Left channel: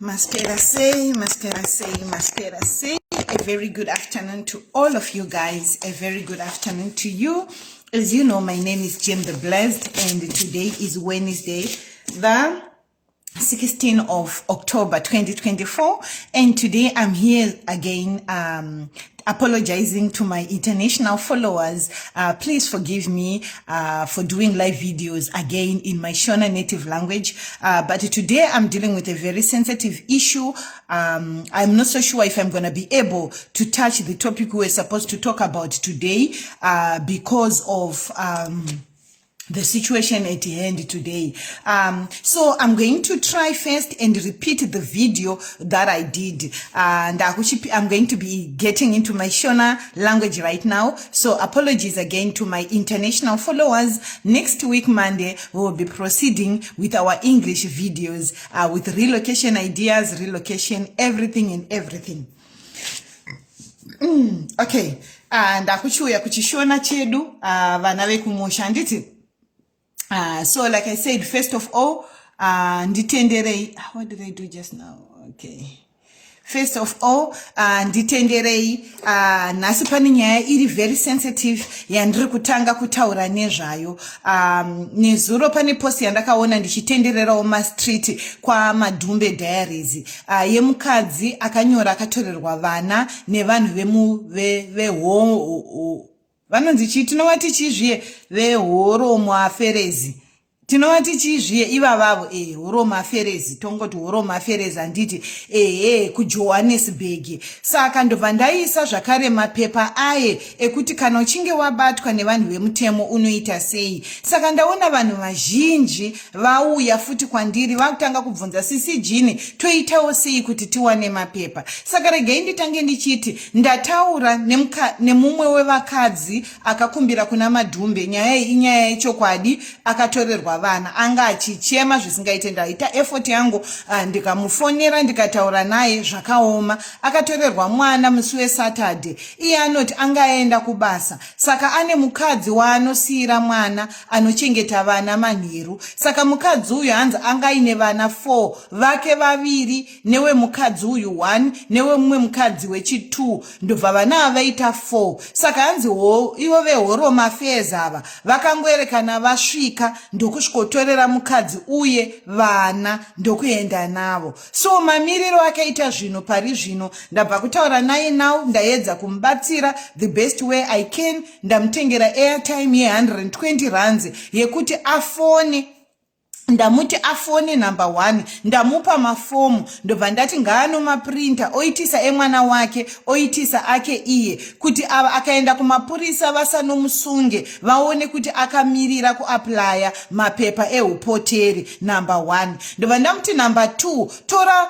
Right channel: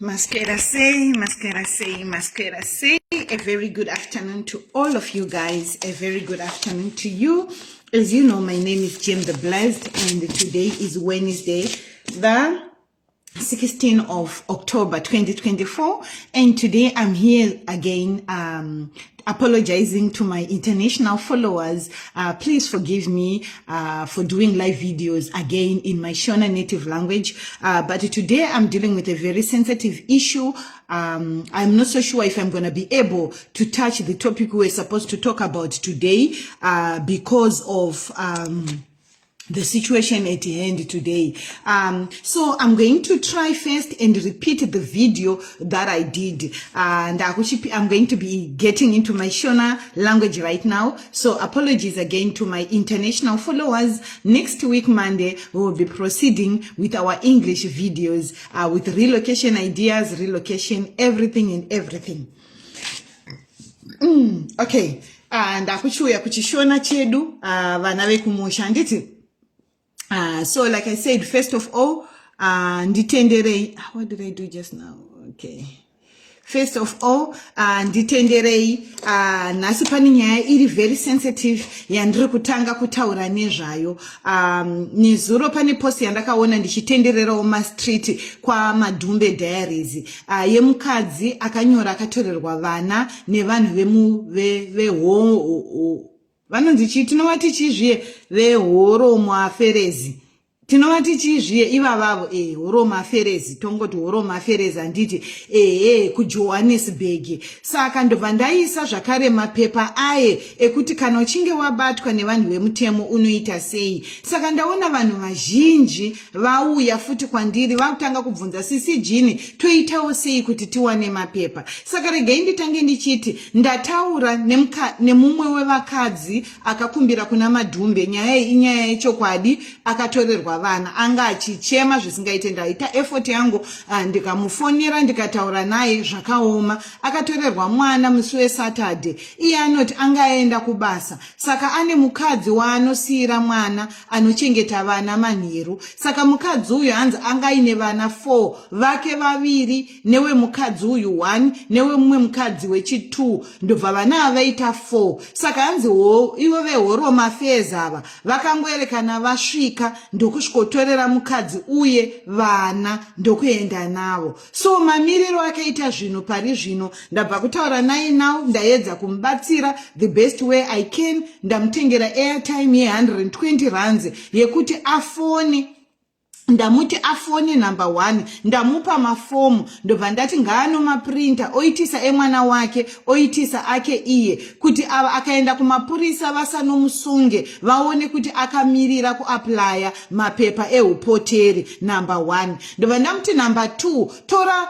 Masquera say, a very good afternoon to all of you guys, a very good afternoon to you. As you know, my name is Jim the Blessed, and today is Wednesday, the 16th of October 2024, and today I'm here again apologizing to my international followers. Please forgive me for doing live videos again in my Shona native language, but today I'm dealing with a very sensitive issue. I'm not so sure if I'm going to be able to touch the topic we're supposed to talk about today because of the situation at hand today. So I'm going to try first and repeat the video that I did. And I'm going to be getting into my Shona language right now. So apologies again to my international followers. Next week, Monday, we'll be proceeding with our English videos with relocation ideas, relocation, everything and everything. Okay. And akuchuya kuchishona chedu, vana vekumusha nditi. So like I said, first of all, nditenderei, what did I do just now? Okay. First of all, nditenderei, nasi pane nyaya iri very sensitive, yandiri kutanga kutaura nezvayo. Nezuro pane post yandakaona ndichitendererawo street kwa Madhumbe Diaries. Yemukadzi akanyora akatorerwa vana nevanhu vanonzi chii tinovati chizviye vehoromo aferezi. Tinovati chizviye ivavavo horomo aferezi, tongoti horomo aferezi anditi kuJohannesburg. Saka ndobva ndaisa zvakare mapepa aye ekuti kana uchinge wabatwa nevanhu vemutemo unoita sei. Saka ndaona vanhu vazhinji vauya futi kwandiri vakutanga kubvunza sisi Jini toitawo sei kuti tiwane mapepa. Saka regai nditange ndichiti ndataura nemumwe wevakadzi akakumbira kuna Madhumbe. Nyaya iyi inyaya yechokwadi, akatorerwa vana, anga achichema zvisingaite. Ndaita effort yangu ndikamufonera ndikataura naye zvakaoma. Akatorerwa mwana musi weSaturday. Iye anoti angaenda kubasa. Saka ane mukadzi waanosiyira mwana anochengeta vana manheru. Saka mukadzi uyu hanzi angaine vana 4, vake vaviri newe mukadzi uyu 1 newe mumwe mukadzi wechi2, ndobva vana avaita 4. Saka hanzi ivo vehoromo affairs ava vakangoerekana vasvika ndokusvikotorera mukadzi uye vana ndokuenda navo. So mamiriro akaita zvino pari zvino, ndabva kutaura naye now, ndaedza kumubatsira the best way I can. Ndamutengera airtime ye120 rands yekuti afone. Ndamuti afone number 1, ndamupa mafomu, ndobva ndati ngaano maprinta oitisa emwana wake, oitisa ake iye, kuti akaenda kumapurisa vasanomusunge, vaone kuti akamirira kuaplya mapepa ehupoteri number 1. Ndobva ndamuti number 2, tora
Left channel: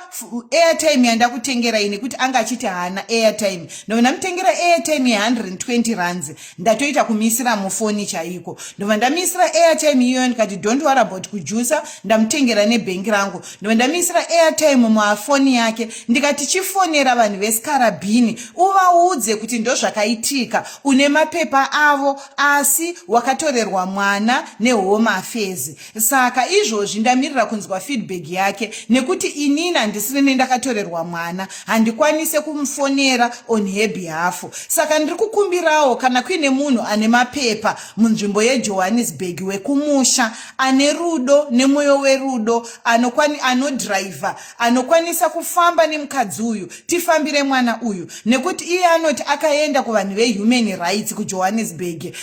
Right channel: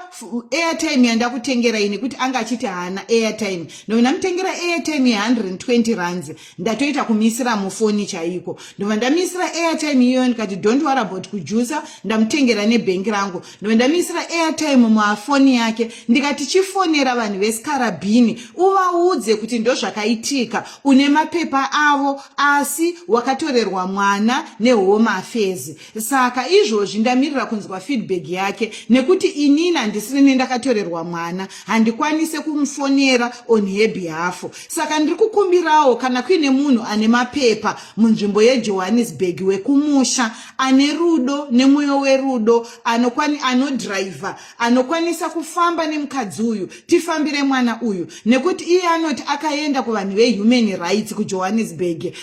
airtime yandakutengera ini, kuti anga achiti hana airtime. Ndobva ndamutengera airtime ye120 rands, ndatoita kumisira mufoni chaiko. Ndobva ndamisira airtime iyo ndikati don't worry about kujuice, ndamutengera nebhengi rangu. Ndamisira airtime mufoni yake, ndikati chifonera vanhu vesikarabhini uvaudze kuti ndozvakaitika, une mapepa avo asi wakatorerwa mwana nehome affairs. Saka izvozvi ndamirira kunzwa feedback yake, nekuti inini handisiri ndakatorerwa mwana, handikwanise kumufonera on her behalf. Saka ndiri kukumbirawo kana kuine munhu ane mapepa munzvimbo yeJohannesburg wekumusha, ane rudo nemwoyo werudo, anodriver, anokwanisa kufamba nemukadzi uyu, tifambire mwana uyu. Nekuti iye anoti akaenda kuvanhu vehuman rights kuJohannesburg,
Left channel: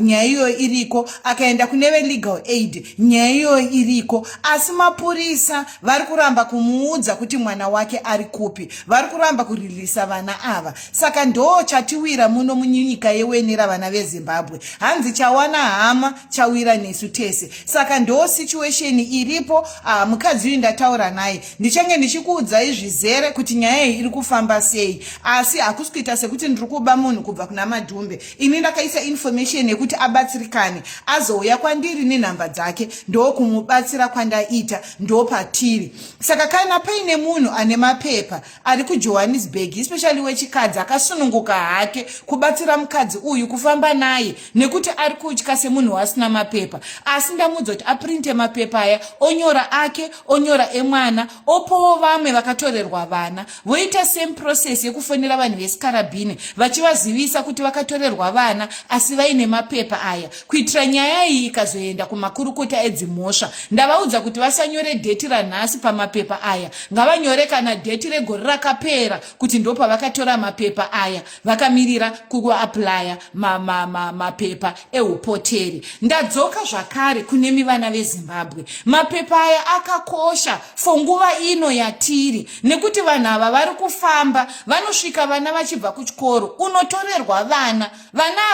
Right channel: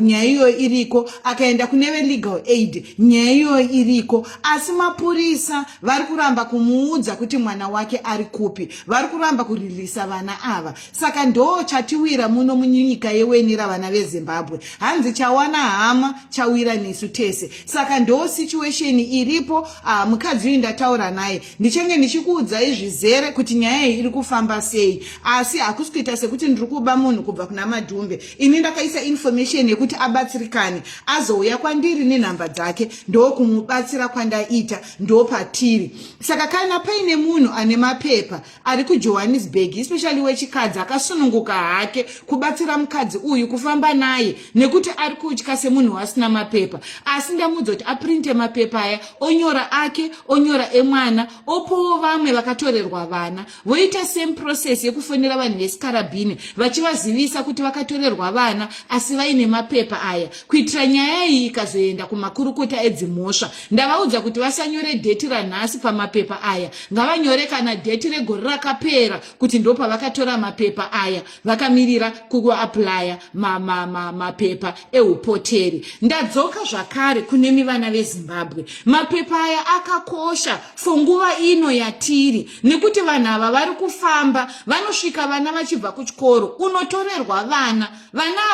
nyaya iyo iriko, akaenda kune legal aid, nyaya iyo iriko, asi mapurisa varikuramba kumuudza kuti mwana wake ari kupi, varikuramba kurilisa vana ava. Saka ndo chatiwira muno munyika yewenera vana veZimbabwe. Hanzi chawana hama chawira nesu tese. Saka ndo situation iripo. Mukadzi uyu ndataura naye, ndichange ndichikuudzai zvizere kuti nyaya iyi iri kufamba sei, asi hakusi kuita sekuti ndiri kuba munhu kubva kuna Madhumbe. Ini ndakaisa information yekuti abatsirikane, azouya kwandiri nenhamba dzake, ndokumubatsira kwandaita, ndopatiri. Saka kana paine munhu ane mapepa ari kuJohannesburg, especially wechikadzi, akasununguka hake kubatsira mukadzi uyu kufamba naye, nekuti ari kutya semunhu asina mapepa, asi ndamuudza kuti aprinte mapepa aya onyora ake, onyora emwana, opowo vamwe vakatorerwa vana, voita same process yekufonera vanhu vesikarabhini vachivazivisa kuti vakatorerwa vana asi vaine mapepa aya, kuitira nyaya iyi ikazoenda kumakurukota edzimhosva. Ndavaudza kuti vasanyore dheti ranhasi pamapepa aya, ngavanyore kana dheti regore rakapera kuti ndo pavakatora mapepa aya vakamirira kuaplya mapepa eupoteri. Ndadzoka zvakare kunemi vana veZimbabwe. Mapepa aya akakosha fonguva ino yatiri, nekuti vanhu ava vari kufamba vanosvika vana vachibva kuchikoro unotorerwa vana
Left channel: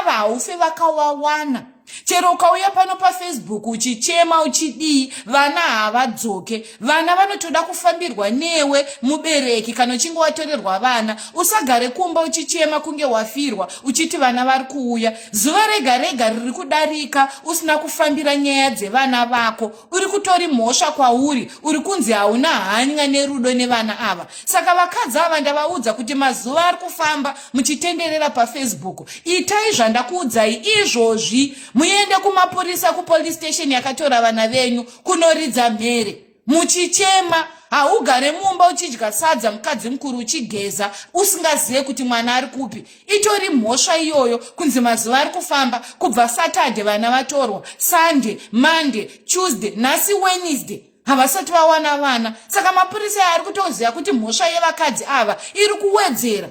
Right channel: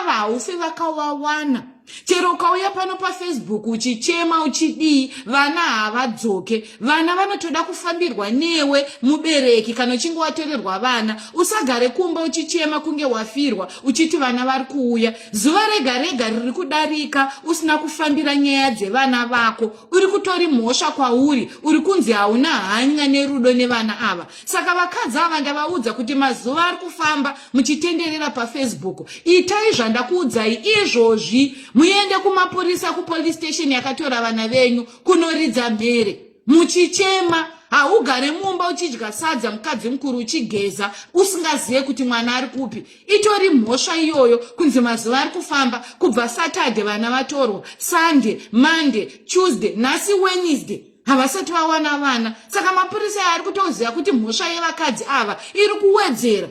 ava haufe vakawawana. Chero ukauya pano paFacebook uchichema uchidii, vana havadzoke. Vana vanotoda kufambirwa newe mubereki kana uchinge watorerwa vana. Usagare kumba uchichema kunge wafirwa uchiti vana vari kuuya. Zuva rega rega riri kudarika usina kufambira nyaya dzevana vako, uri kutori mhosva kwauri, uri kunzi hauna hanya nerudo nevana ava. Saka vakadzi ava ndavaudza kuti mazuva ari kufamba muchitenderera paFacebook, itai zvandakuudzai izvozvi. Muende kumapurisa kupolice station yakatora vana venyu kunoridza mhere. Muchichema, haugare mumba uchidya sadza mukadzi mukuru uchigeza usingazive kuti mwana ari kupi. Itori mhosva iyoyo kunzi mazuva ari kufamba kubva Saturday vana vatorwa, Sunday, Monday, Tuesday, nhasi Wednesday havasati vawana vana. Saka mapurisa ari kutoziva kuti mhosva yevakadzi ava iri kuwedzera.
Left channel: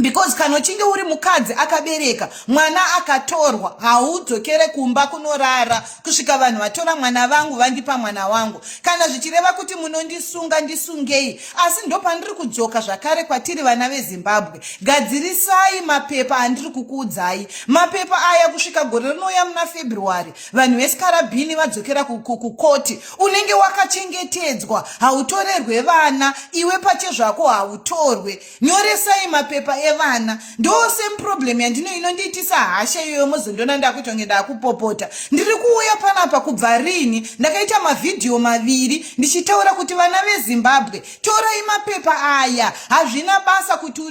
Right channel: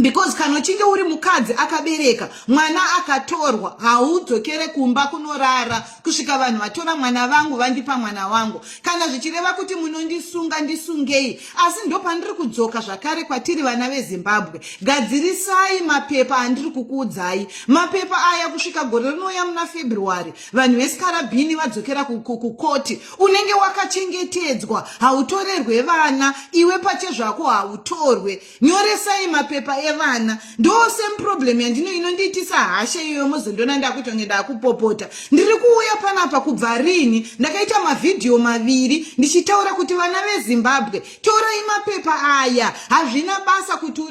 Because kana uchinge uri mukadzi akabereka mwana akatorwa haudzokere kumba kunorara kusvika vanhu vatora mwana vangu vandipa mwana wangu. Kana zvichireva kuti munondisunga ndisungei, asi ndo pandiri kudzoka zvakare kwatiri vana veZimbabwe. Gadzirisai mapepa andiri kukuudzai. Mapepa aya kusvika gore rinouya muna February vanhu vesikarabhini vadzokera kukoti. Unenge wakachengetedzwa, hautorerwe vana, iwe pache zvako hautorwe. Nyoresai mapepa evana. Ndo same problem yandino inondiitisa hasha iyoyo muzondona ndakuita kunge ndakupopota. Ndiri kuuya panapa kubva rini ndakaita mavidhio maviri ndichitaura kuti vana veZimbabwe, torai mapepa aya, hazvina basa kuti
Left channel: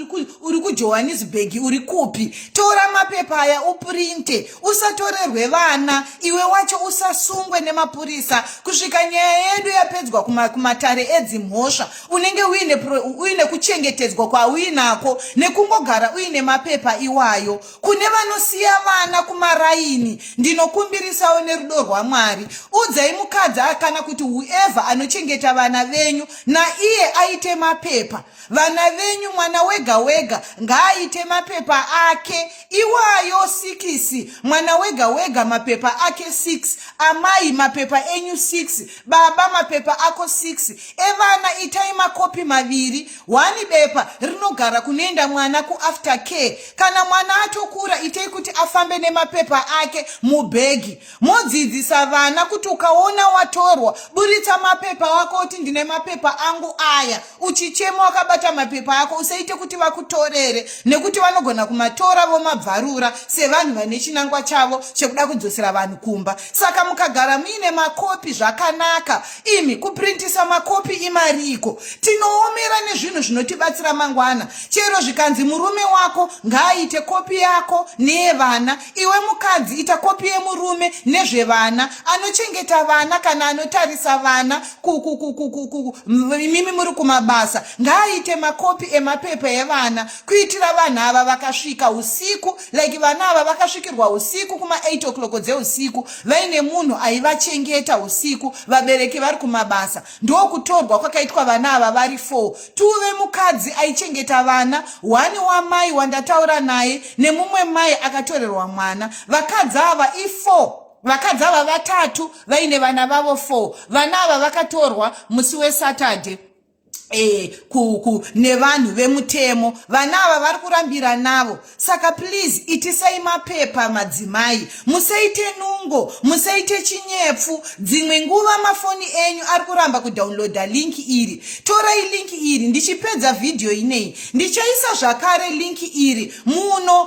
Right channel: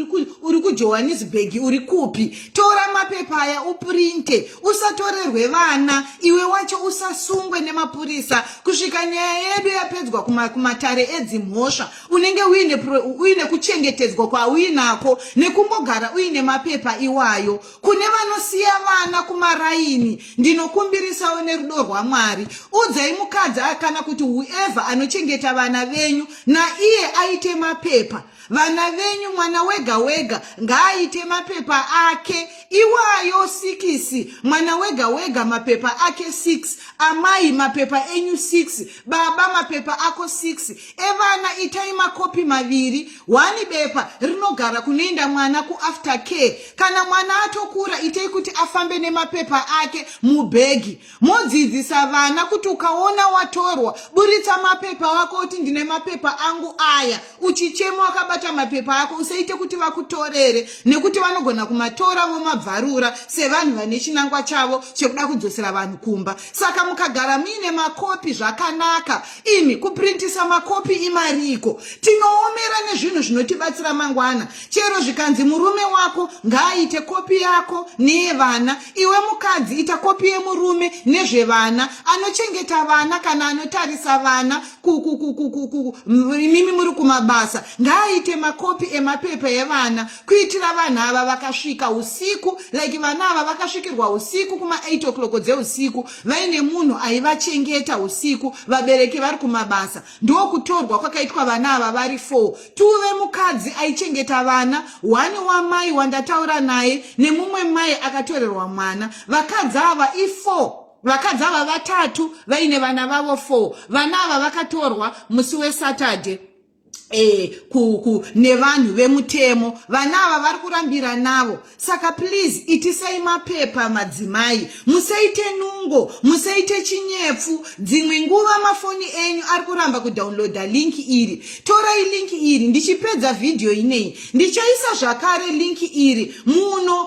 uri kuJohannesburg uri kupi. Tora mapepa aya uprinte, usatorerwe vana, iwe wacho usasungwe nemapurisa kusvika nyaya yedu yapedzwa kumatare edzimhosva. Unenge uine kuchengetedzwa kwauinako nekungogara uine mapepa iwayo. Kune vanosiya vana kumaraini, ndinokumbirisawo nerudo rwaMwari, udzai mukadzi kana kuti whoever anochengeta vana venyu naiye aite mapepa. Vana venyu mwana wega wega ngaaite mapepa ake iwayo 6, mwana wega wega mapepa ake 6, amai mapepa enyu 6, baba mapepa ako 6. Evana itai makopi maviri, 1 bepa rinogara kunoenda mwana after care. Kana mwana atokura itai kuti afambe nemapepa ake mubhegi. Modzidzisa vana kuti ukaona watorwa buritsa mapepa wako kuti ndine mapepa angu aya. Uchichema wakabata mapepa ako usaite kuti vakutorere, nekuti vanogona kumatora vomabvarura sevanhu vane chinangwa chavo chekuda kudzosera vanhu kumba. Saka mukagara muine makopi zvakanaka. Imi kuprintisa makopi imariko. Tinoomera nezvinhu zvinotibatsira mangwana. Chero zvikanzi murume wako ngaaite kopi yako nevana, iwe mukadzi ita kopi yemurume nezvevana, anochengeta vana kana anotarisa vana mimi muri kumabasa ngaaite makopi emapepa evana, kuitira vana ava vakasvika usiku, like vana ava vakasvikirwa usiku kuma 8 o'clock dzeusiku, vaine munhu aivachengeta usiku, vabereki vari kumabasa. Ndokutorwa kwakaitwa vana ava vari 4. Tuve mukadzi aichengeta vana, 1 wamai wandataura naye nemumwe mai akatorerwa mwana. Vakadzi ava i4. Vakadzi ava 3 vaine vana vavo 4. Vana ava vakatorwa musi weSaturday nevanhu vemutemo. Vana ava vari kurambira navo. Saka please itisai mapepa madzimai, musaite nungo, musaite chinyepfu. Dzimwe nguva mafoni enyu ari kuramba kudownloada link iri. Torai link iri, ndichipedza video inei ndichaisa zvakare link iri muno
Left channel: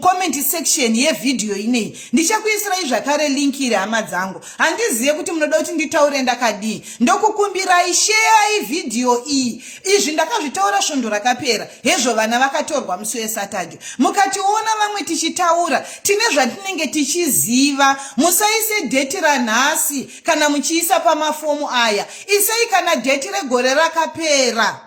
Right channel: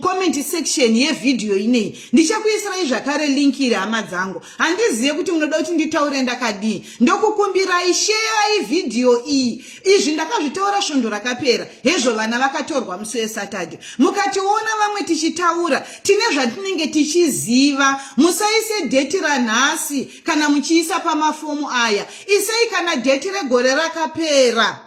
comment section yevideo inei. Ndichakuisirai zvakare link iri hama dzangu. Handizive kuti munoda kuti nditaure ndakadii. Ndokukumbirai share video iyi. Izvi ndakazvitaura svondo rakapera. Hezvo vana vakatorwa musi weSaturday. Mukationa vamwe tichitaura, tine zvatinenge tichiziva. Musaise dheti ranhasi kana muchiisa pamafomu aya. Isei kana dheti regore rakapera,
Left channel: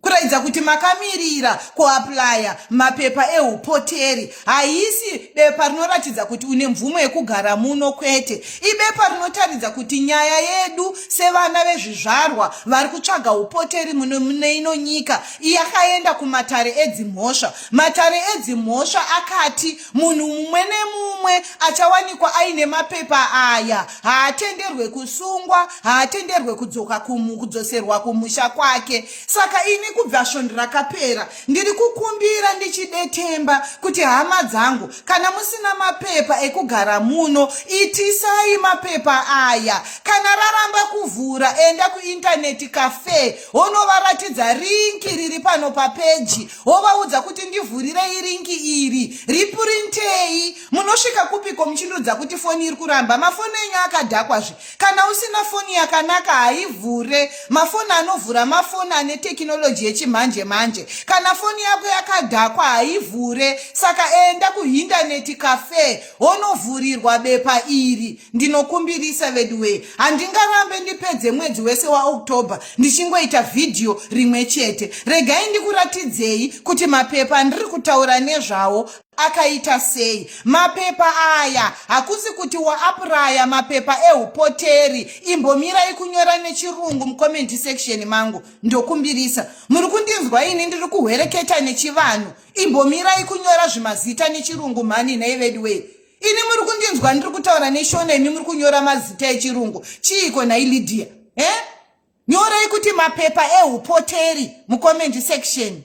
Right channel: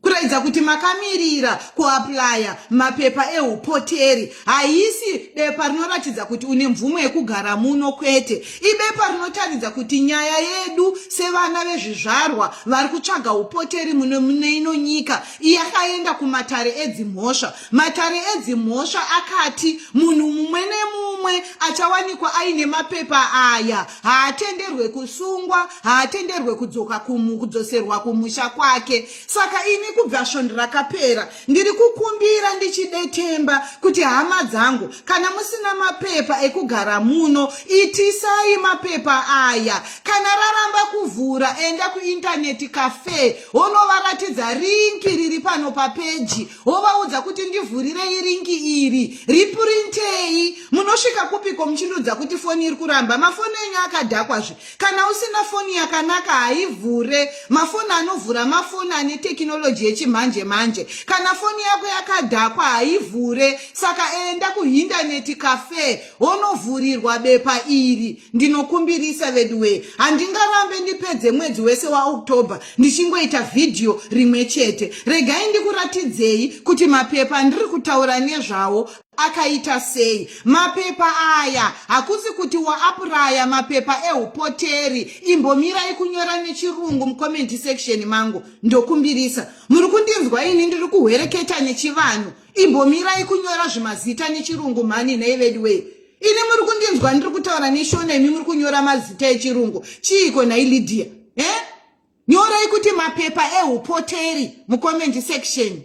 kuratidza kuti makamirira kuaplaya mapepa eupoteri. Haisi bepa rinoratidza kuti une mvumo yekugara muno, kwete. Ibepa rinotaridza kuti nyaya yedu sevana vezvizvarwa vari kutsvaga upoteri mune ino nyika yakaenda kumatare edzimhosva. Matare edzimhosva akati munhu mumwe nemumwe achawanikwa aine mapepa aya haatenderwe kusungwa, haatenderwe kudzoserwa kumusha kwake. Saka ini kubva svondo rakapera ndiri kukumbira ndichidetemba kuti hama dzangu, kana musina mapepa ekugara muno, itisai mapepa aya. Kana raramba kuvhura, enda kuintaneti cafe, wonovaratidza ringi riri pano papeji, wovaudza kuti ndivhurirei ringi iri, ripurintei. Munosvika kupiko muchindudza kuti foni iri kuramba? Mafoni enyu akadhakwazve. Kana usina foni yakanaka haivhure. Mafoni anovhura mafoni ane tekinoloji yechimanje manje. Kana foni yako yakadhakwa haivhure. Saka enda kuintaneti cafe, wonovhurirwa bepa iri. Ndinokumbirisa veduwe, handingarambe ndipedze mwedzi wese waOctober ndichingoita vhidhiyo rimwe chete. Regai ndikuratidzei kuti mapepa ndiri kutaura nezvawo akaita sei. Mapepa aya hakusi kuti waapraya mapepa eupoteri. Imbomirai kunyora nechirungu mucomment section mangu, ndokumbirisa. Muri kundinzwa ini ndiri kuhwereketa nechivanhu? Imbomirai kunyora zvimazita nechirungu mani naivedway. Ini muri kundinzwa ndiri kutaura neshoneni muri kunyora mazita echirungu? Chiiko nailidia? Nyorai kuti mapepa eupoteri mucomment section.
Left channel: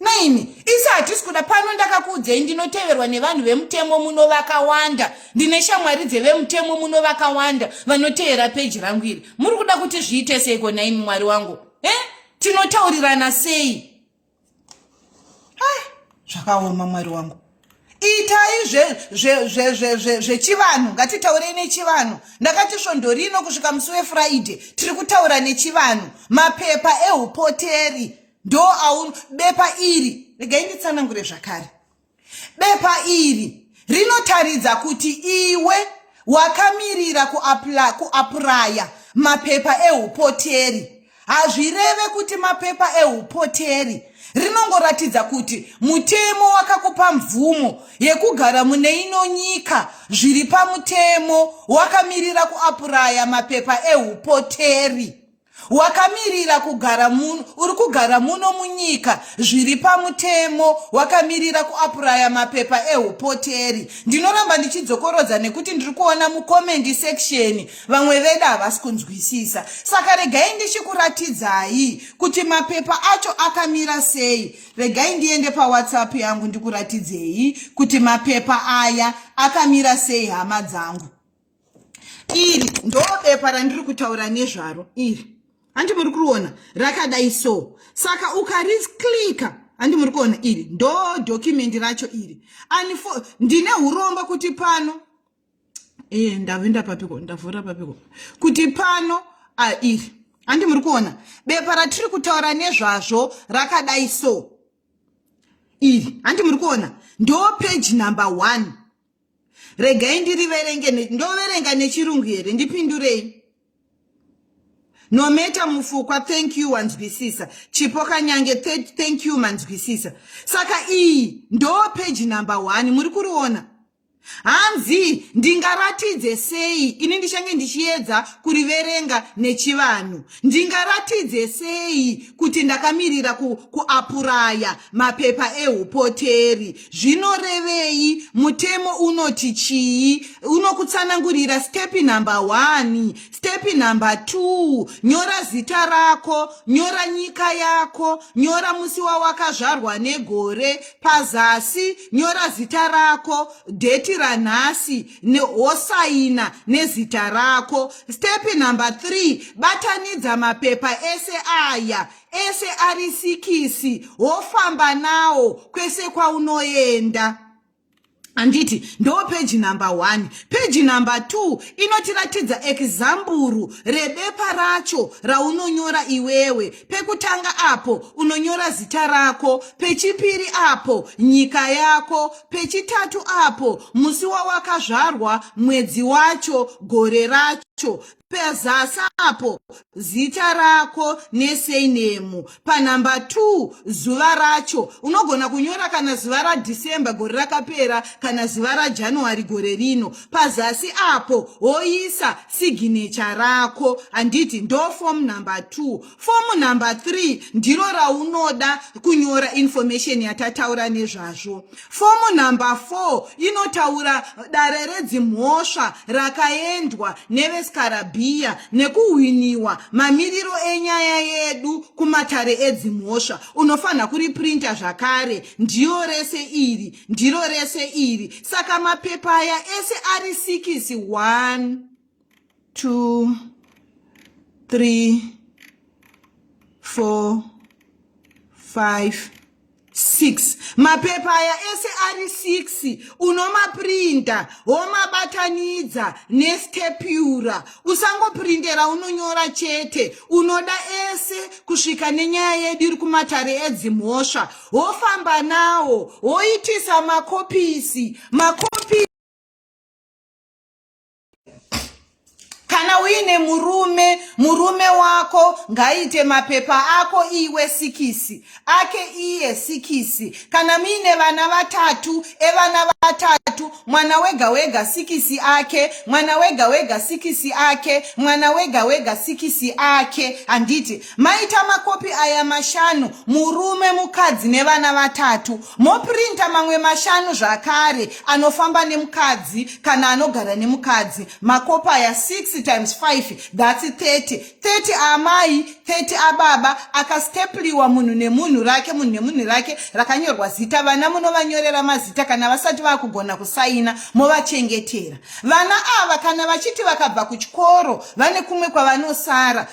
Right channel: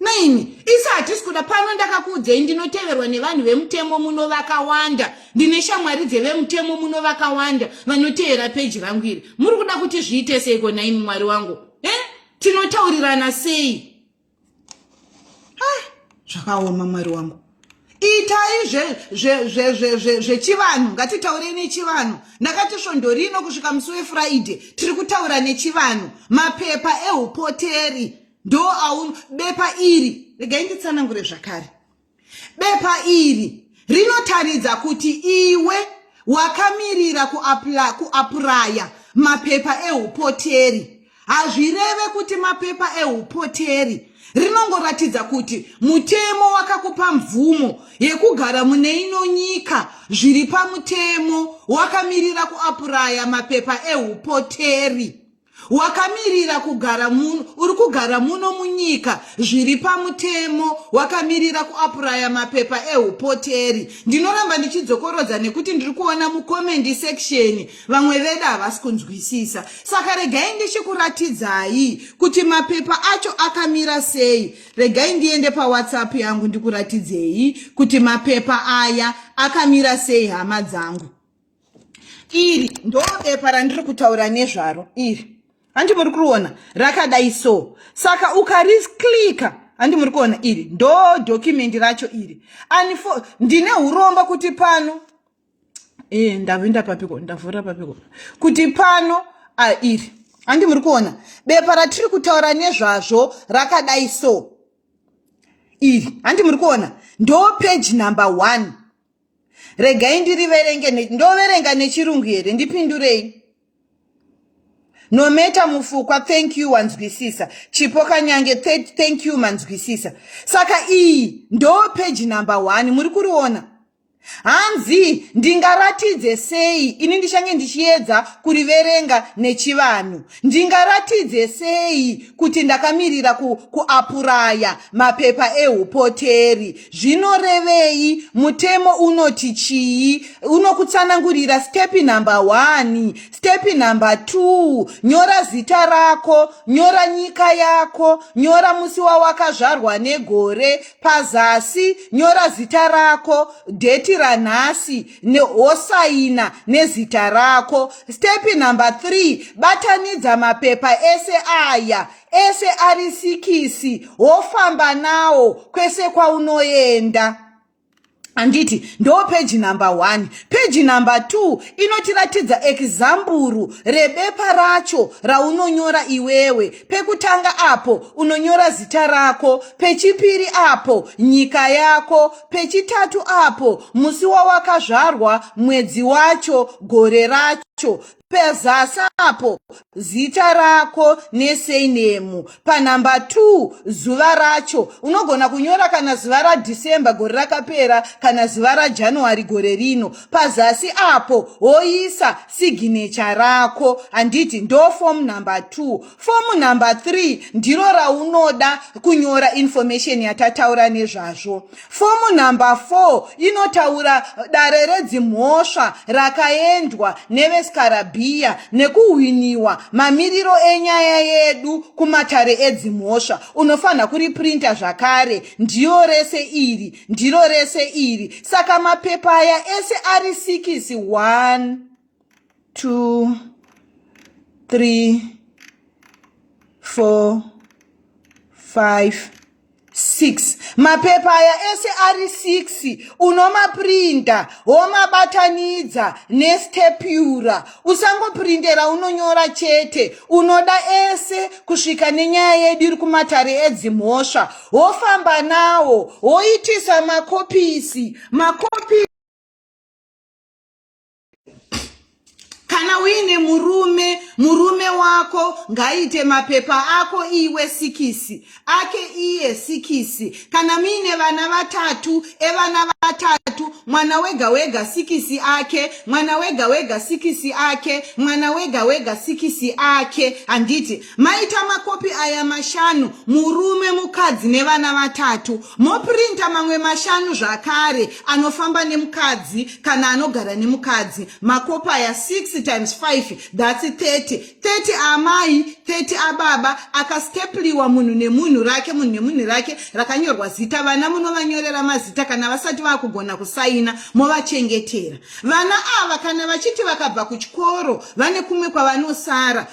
Naini, isa hatisi kuda pano ndakakuudzei ndinoteverwa nevanhu vemutemo muno vakawanda. Ndine shamwari dzevemutemo muno vakawanda vanotevera peji rangu iri. Muri kuda kuti zviite seiko naini mwari wangu? Tinotaurirana sei? Zvakaoma mwari wangu. Itai zvechivanhu, ngatitaure nechivanhu. Ndakati svondo rino kusvika musi weFriday tiri kutaura nechivanhu. Mapepa eupoteri ndo bepa iri. Regai nditsanangure zvakare. Bepa iri rinotaridza kuti iwe wakamirira kuapraya mapepa eupoteri. Hazvireve kuti mapepa eupoteri. Rinongoratidza kuti mutemo wakakupa mvumo yekugara mune ino nyika. Zviri pamutemo wakamirira kuapraya mapepa eupoteri. Wakamirira kugara muno, uri kugara muno munyika. Zviri pamutemo wakamirira kuapraya mapepa eupoteri. Ndinoramba ndichidzokorodza nekuti ndiri kuona mucomment section vamwe vedu havasi kunzwisisa. Saka regai ndichikuratidzai kuti mapepa acho akamira sei. Regai ndiende paWhatsApp yangu ndikuratidzei kuti mapepa aya akamira sei hama dzangu. Iri ndo bepa randiri kutaura nezvaro iri. Handi muri kuona rakadai so. Saka ukariklika, handi muri kuona iri ndo document racho iri. Ndine uromba kuti pano ndavenda papiko, ndavhura papiko kuti pano iri. Handi muri kuona bepa ratiri kutaura nezvazvo rakadai so iri. Handi muri kuona ndo page number 1. Regai ndiriverenge, ndoverenga nechirungu here, ndipindurei. Nometa mufukwa, thank you wanzwisisa. Chipoka nyange, thank you manzwisisa. Saka iyi ndo page number 1. Muri kuriona? Hanzi ndingaratidze sei? Ini ndichange ndichiedza kuriverenga nechivanhu. Ndingaratidze sei kuti ndakamirira kuapuraya mapepa eupoteri? Zvinorevei? Mutemo unoti chii? Unokutsanangurira step number 1, step number 2. Nyora zita rako, nyora nyika yako, nyora musi wawakazvarwa negore. Pazasi nyora zita rako, date ranhasi nehosaina nezita rako. Step number 3, batanidza mapepa ese aya, ese ari 6, wofamba nawo kwese kwaunoenda. anditi ndo page number 1. Page number 2 inotiratidza examburu rebepa racho raunonyora iwewe. Pekutanga apo unonyora zita rako, pechipiri apo nyika yako, pechitatu apo musi wawakazvarwa, mwedzi wacho, gore racho, pezasi apo zita rako neseinemu. Panamba 2 zuva racho unogona kunyora kana zuva raDhisemba gore rakapera kana zuva raJanuary gore rino. Pazasi apo woisa signature rako. Anditi ndo form number 2. Form number 3 ndiro raunoda kunyora information yatataura nezvazvo. Form number 4 inotaura dare redzimhosva rakaendwa nevesikarabhia nekuhwiniwa mamiriro enyaya yedu kumatare edzimhosva. Unofanha kuriprinta zvakare. Ndiro rese iri. Saka mapepa aya ese ari 6, 1 2 3 4 5 6. Mapepa aya ese ari 6 unomaprinta womabatanidza nestepura. Usangoprintera unonyora chete. Unoda ese kusvika nenyaya yedu iri kumatare edzimhosva. Wofamba nawo woitisa makopisi. Kana uine murume wako ngaite mapepa ako iwe 6, ake iye 6. Kana mine vana vatatu, evana vatatu, mwana wega 6 ake, mwana wega 6 ake, mwana wega 6 ake. Anditi maita makopi aya 5, murume, mukadzi nevana vatatu. Moprinta mamwe 5 zvakare anofamba nemukadzi kana anogara nemukadzi. Makopi aya 6 times 5, that's 30. 30 amai, 30 ababa, akastepliwa munhu nemunhu rake rakanyorwa zita. Vana munovanyorera mazita kana vasati vakugona kusaina, movachengetera. Vana ava kana vachiti vakabva kuchikoro vane kumwe kwavanosara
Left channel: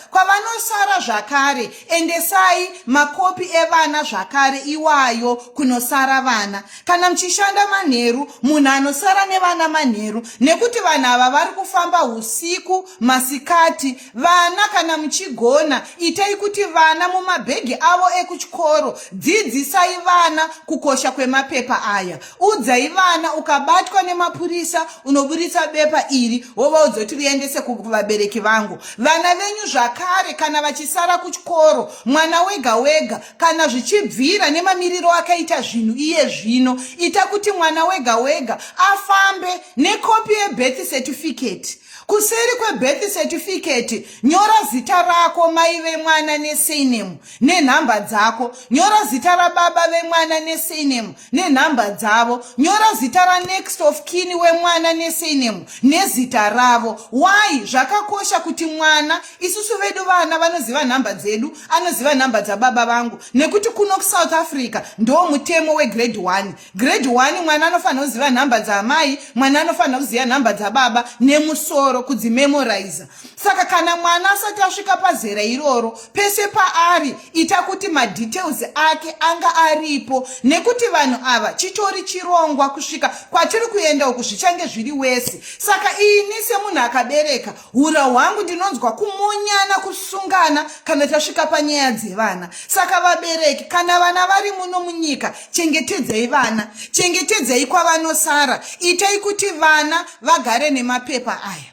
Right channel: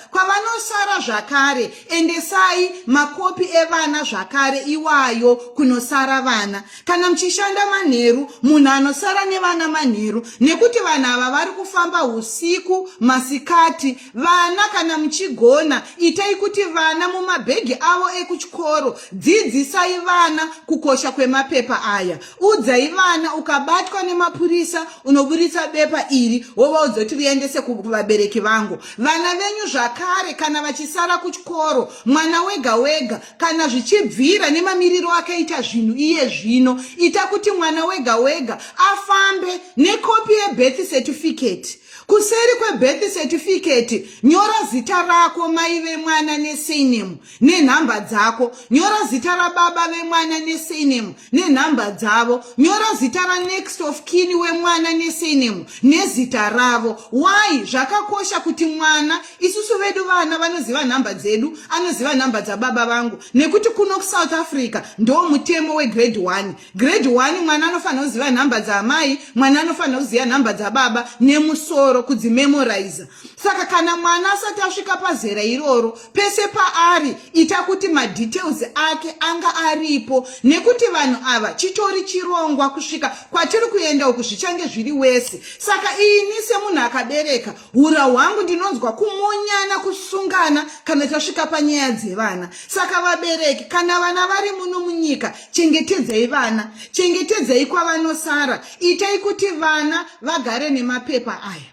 zvakare, endesai makopi evana zvakare iwayo kunosara vana. Kana mchishanda manheru, munhu anosara nevana manheru, nekuti vanhu ava vari kufamba usiku masikati. Vana kana muchigona, itai kuti vana mumabhegi avo ekuchikoro. Dzidzisai vana kukosha kwemapepa aya. Udzai vana ukabatwa nemapurisa unoburitsa bepa iri wovaudza kuti riendese kuvabereki vangu. Vana venyu zvakare kana vachisara kuchikoro, mwana wega kana zvichibvira nemamiriro akaita zvinhu iye zvino, ita kuti mwana wega afambe nekopi yebirth certificate. Kuseri kwebirth certificate nyora zita rako, mai vemwana neseinemu nenhamba dzako. Nyora zita rababa vemwana neseinemu nenhamba dzavo. Nyora zita ranext of kin wemwana neseinemu nezita ravo. Why? Zvakakosha kuti mwana, isusu vedu vana vanoziva nhamba dzedu, anoziva nhamba dzababa vangu, nekuti kuno kuSouth Africa ndo mutemo wegrade 1. Grade 1 mwana anofanha kuziva nhamba dzamai, mwana anofanha kuziva nhamba dzababa nemusoro kudzimemoriza. Saka kana mwana asati asvika pazera iroro, pese paari ita kuti madetails ake anga aripo, nekuti vanhu ava chitori chirongwa kusvika kwatiri kuenda uku zvichange zviri wese. Saka ini semunhu akabereka, hura hwangu ndinonzwa kumonyana, kusungana kana tasvika panyaya dzevana. Saka vabereki, kana vana vari muno munyika, chengetedzai vana, chengetedzai kwavanosara. Itai kuti vana vagare nemapepa aya.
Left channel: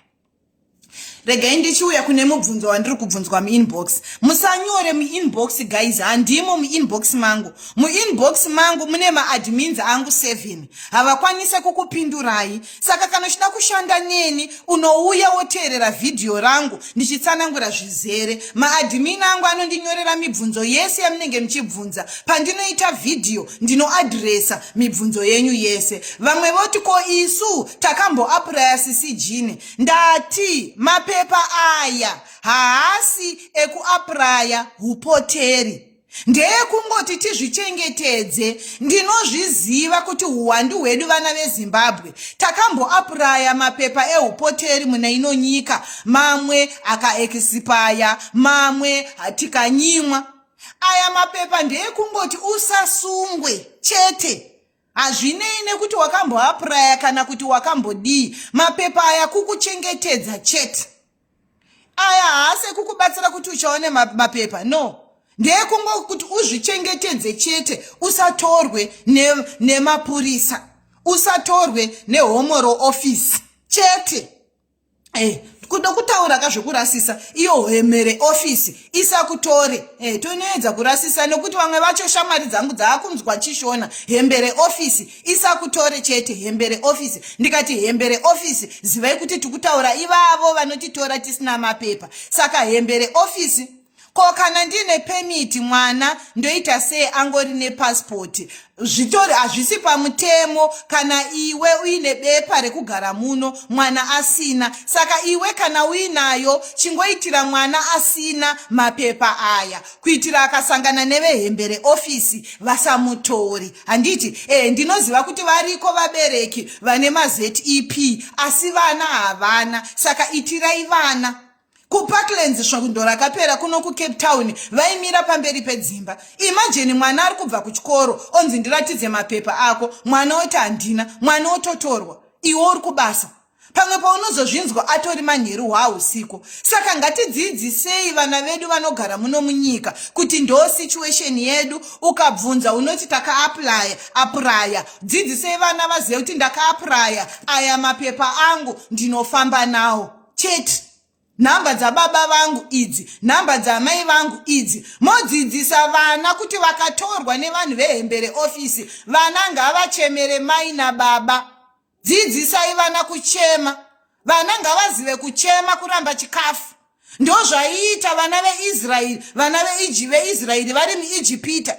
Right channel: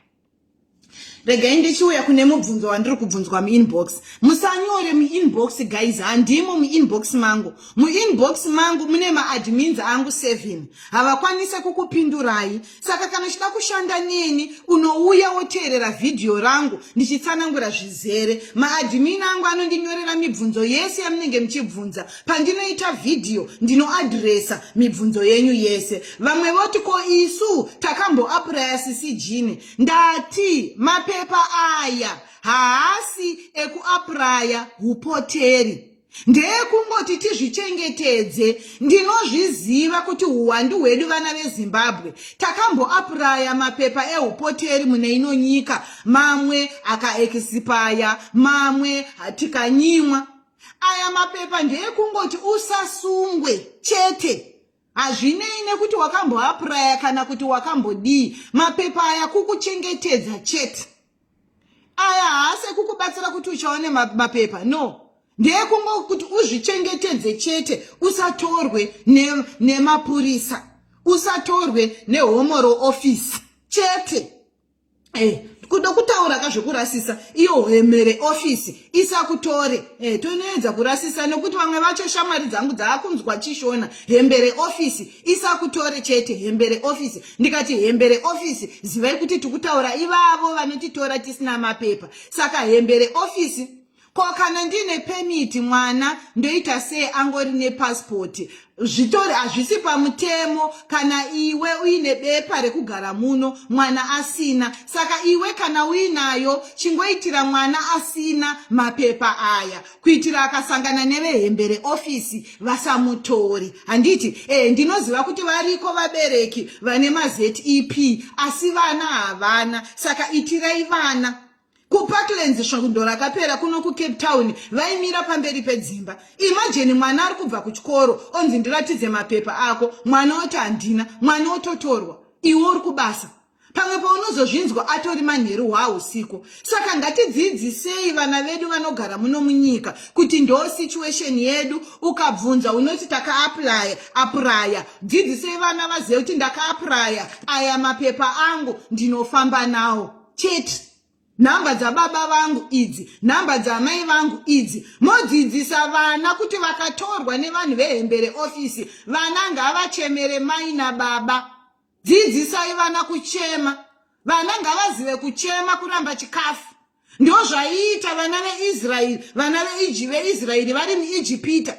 Regai ndichiuya kune mubvunzo wandiri kubvunzwa muinbox. Musanyore muinbox guys, handimo muinbox mangu. Muinbox mangu mune maadmins angu 7. Havakwanise kukupindurai. Saka kana uchida kushanda neni, unouya woteerera video rangu ndichitsanangura zvizere. Maadmin angu anondinyorera mibvunzo yese yamunenge muchibvunza. Pandinoita video ndinoadresa mibvunzo yenyu yese. Vamwe voti ko isu takamboapply CCG. Ndati mapepa aya haasi ekuapraya upoteri. Ndekungoti tizvichengetedze. Ndinozviziva kuti uwandu hwedu vana veZimbabwe takamboapraya mapepa eupoteri mune ino nyika. Mamwe akaexpire, mamwe tikanyimwa. Aya mapepa ndekungoti usasungwe chete. hazvinei nekuti wakamboapuraya kana kuti wakambodii. Mapepa aya kukuchengetedza chete. Aya haasi kukubatsira kuti uchaone mapepa, no. Ndekungo kuti uzvichengetedze chete, usatorwe nemapurisa, usatorwe nehomoro office chete. Kuda kutaura kazvokurasisa, iyo hemere office isakutore. Tonoedza kurasisa nekuti vamwe vacho shamwari dzangu dzaakunzwa chishona. Hembere office isakutore chete, hembere office. Ndikati hembere office, zivai kuti tikutaura ivavo vanotitora tisina mapepa. Saka hembere office, ko kana ndine permit mwana ndoita sei angori nepassport, zvitori hazvisi pamutemo kana iwe uine bepa rekugara muno mwana asina. Saka iwe kana uinayo chingoitira mwana asina mapepa aya, kuitira akasangana nevehembere office vasamutori. Handiti ndinoziva kuti variko vabereki vane maZEP asi vana havana. Saka itirai vana. Kuparklands svakundo rakapera kuno kuCape Town vaimira pamberi pedzimba. Imagine mwana ari kubva kuchikoro onzi ndiratidze mapepa ako, mwana oti handina, mwana ototorwa, iwe uri kubasa. Pamwe paunozozvinzwa atori manheru hwausiku. Saka ngatidzidzisei vana vedu vanogara muno munyika kuti ndo situation yedu. Ukabvunza unoti apuraya. Dzidzisei vana vazive kuti ndakaapuraya, aya mapepa angu ndinofamba nawo chete. Namba dza baba vangu idzi, namba dza mai vangu idzi. Modzidzisa vana kuti vakatorwa nevanhu vehembere office, vana ngavachemere mai nababa. Dzidzisai vana kuchema. Vana ngavazive kuchema kuramba chikafu. Ndo zvaiita vana veIsraeri, vana veIsraeri vari muIjipita.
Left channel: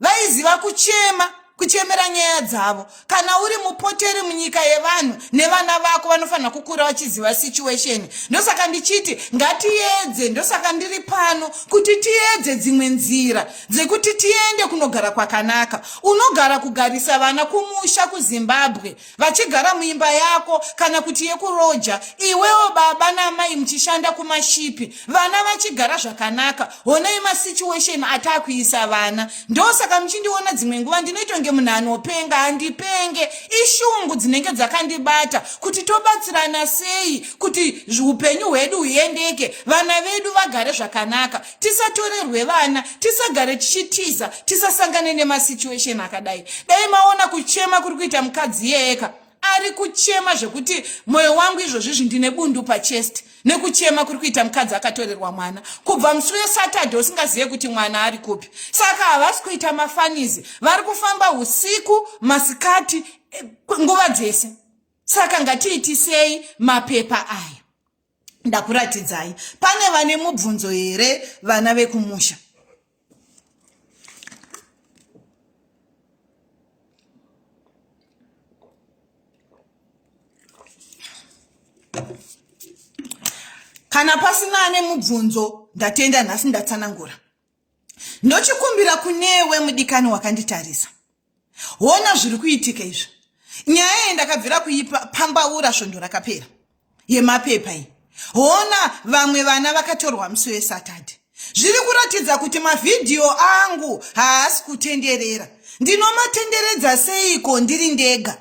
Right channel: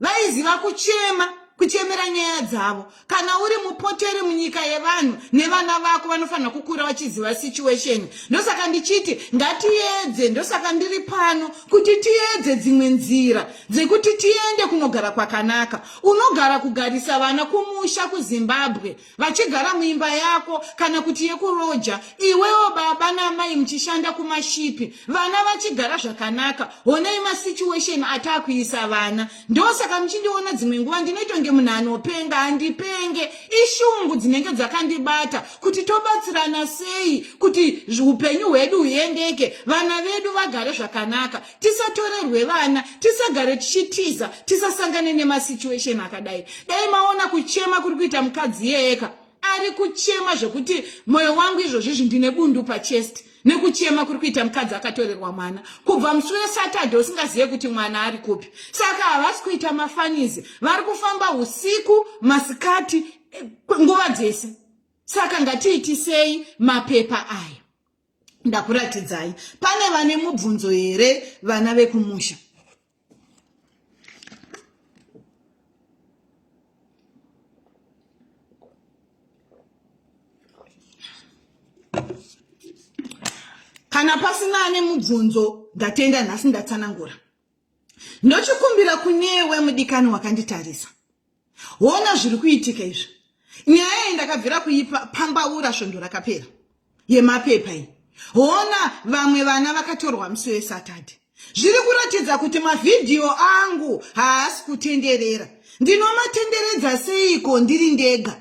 Vaiziva kuchema, kuchemera nyaya dzavo. Kana uri mupoteri munyika yevanhu, nevana vako vanofanira kukura vachiziva situation. Ndosaka ndichiti ngatiedze, ndosaka ndiri pano kuti tiedze dzimwe nzira dzekuti tiende kunogara kwakanaka. Unogara kugarisa vana kumusha kuZimbabwe, vachigara muimba yako kana kuti yekuroja, iwewo baba namai muchishanda kumashipi, vana vachigara zvakanaka. Honai masituation atakuisa vana. Ndosaka muchindiona dzimwe nguva ndinoitonge munhu anopenga, handipenge. Ishungu dzinenge dzakandibata kuti tobatsirana sei kuti upenyu hwedu huendeke, vana vedu vagare zvakanaka, tisatorerwe vana, tisagare tichitiza, tisasangane nemasituation akadai. Dai maona kuchema kuri kuita mukadzi yeka, ari kuchema zvekuti mwoyo wangu izvozvi ndine bundu pachest. Nekuchema kuri kuita mukadzi akatorerwa mwana kubva musi weSaturday usingazive kuti mwana ari kupi. Saka havasi kuita mafanizi, vari kufamba usiku, masikati, nguva dzese. Saka ngatiitisei mapepa aya. Ndakuratidzai, pane vane mubvunzo here vana vekumusha? Kana pasina ane mubvunzo, ndatenda nhasi ndatsanangura. Ndochikumbira kunewe mudikani wakanditarisa. Wona zviri kuitika izvi. Nyaya yendakabvira kuipambaura svondo rakapera yemapepa iyi. Wona vamwe vana vakatorwa musi weSaturday. Zviri kuratidza kuti mavhidhiyo angu haasi kutenderera. Ndinomatenderedza seiko ndiri ndega?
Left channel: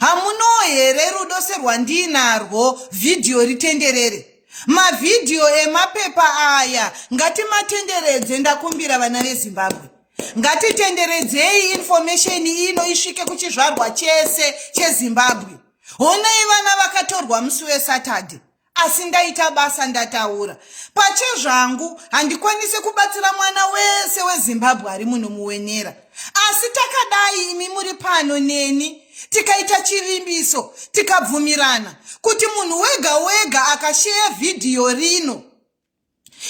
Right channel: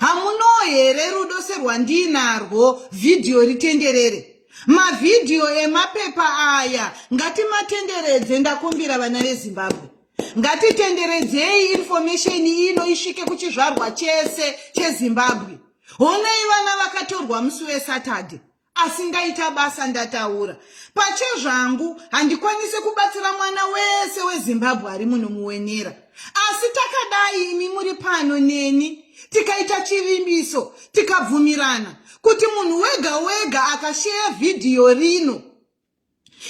Hamuno here rudo serwandinarwo vhidhiyo ritenderere? Mavhidhiyo emapepa aya ngatimatenderedze, ndakumbira vana veZimbabwe. Ngatitenderedzei information ino isvike kuchizvarwa chese cheZimbabwe. Honai vana vakatorwa musi weSaturday. Asi ndaita basa, ndataura. Pachezvangu handikwanise kubatsira mwana wese weZimbabwe ari muno muwenera. Asi takadai imi muri pano neni, tikaita chivimbiso, tikabvumirana kuti munhu wega wega akashare vhidhiyo rino.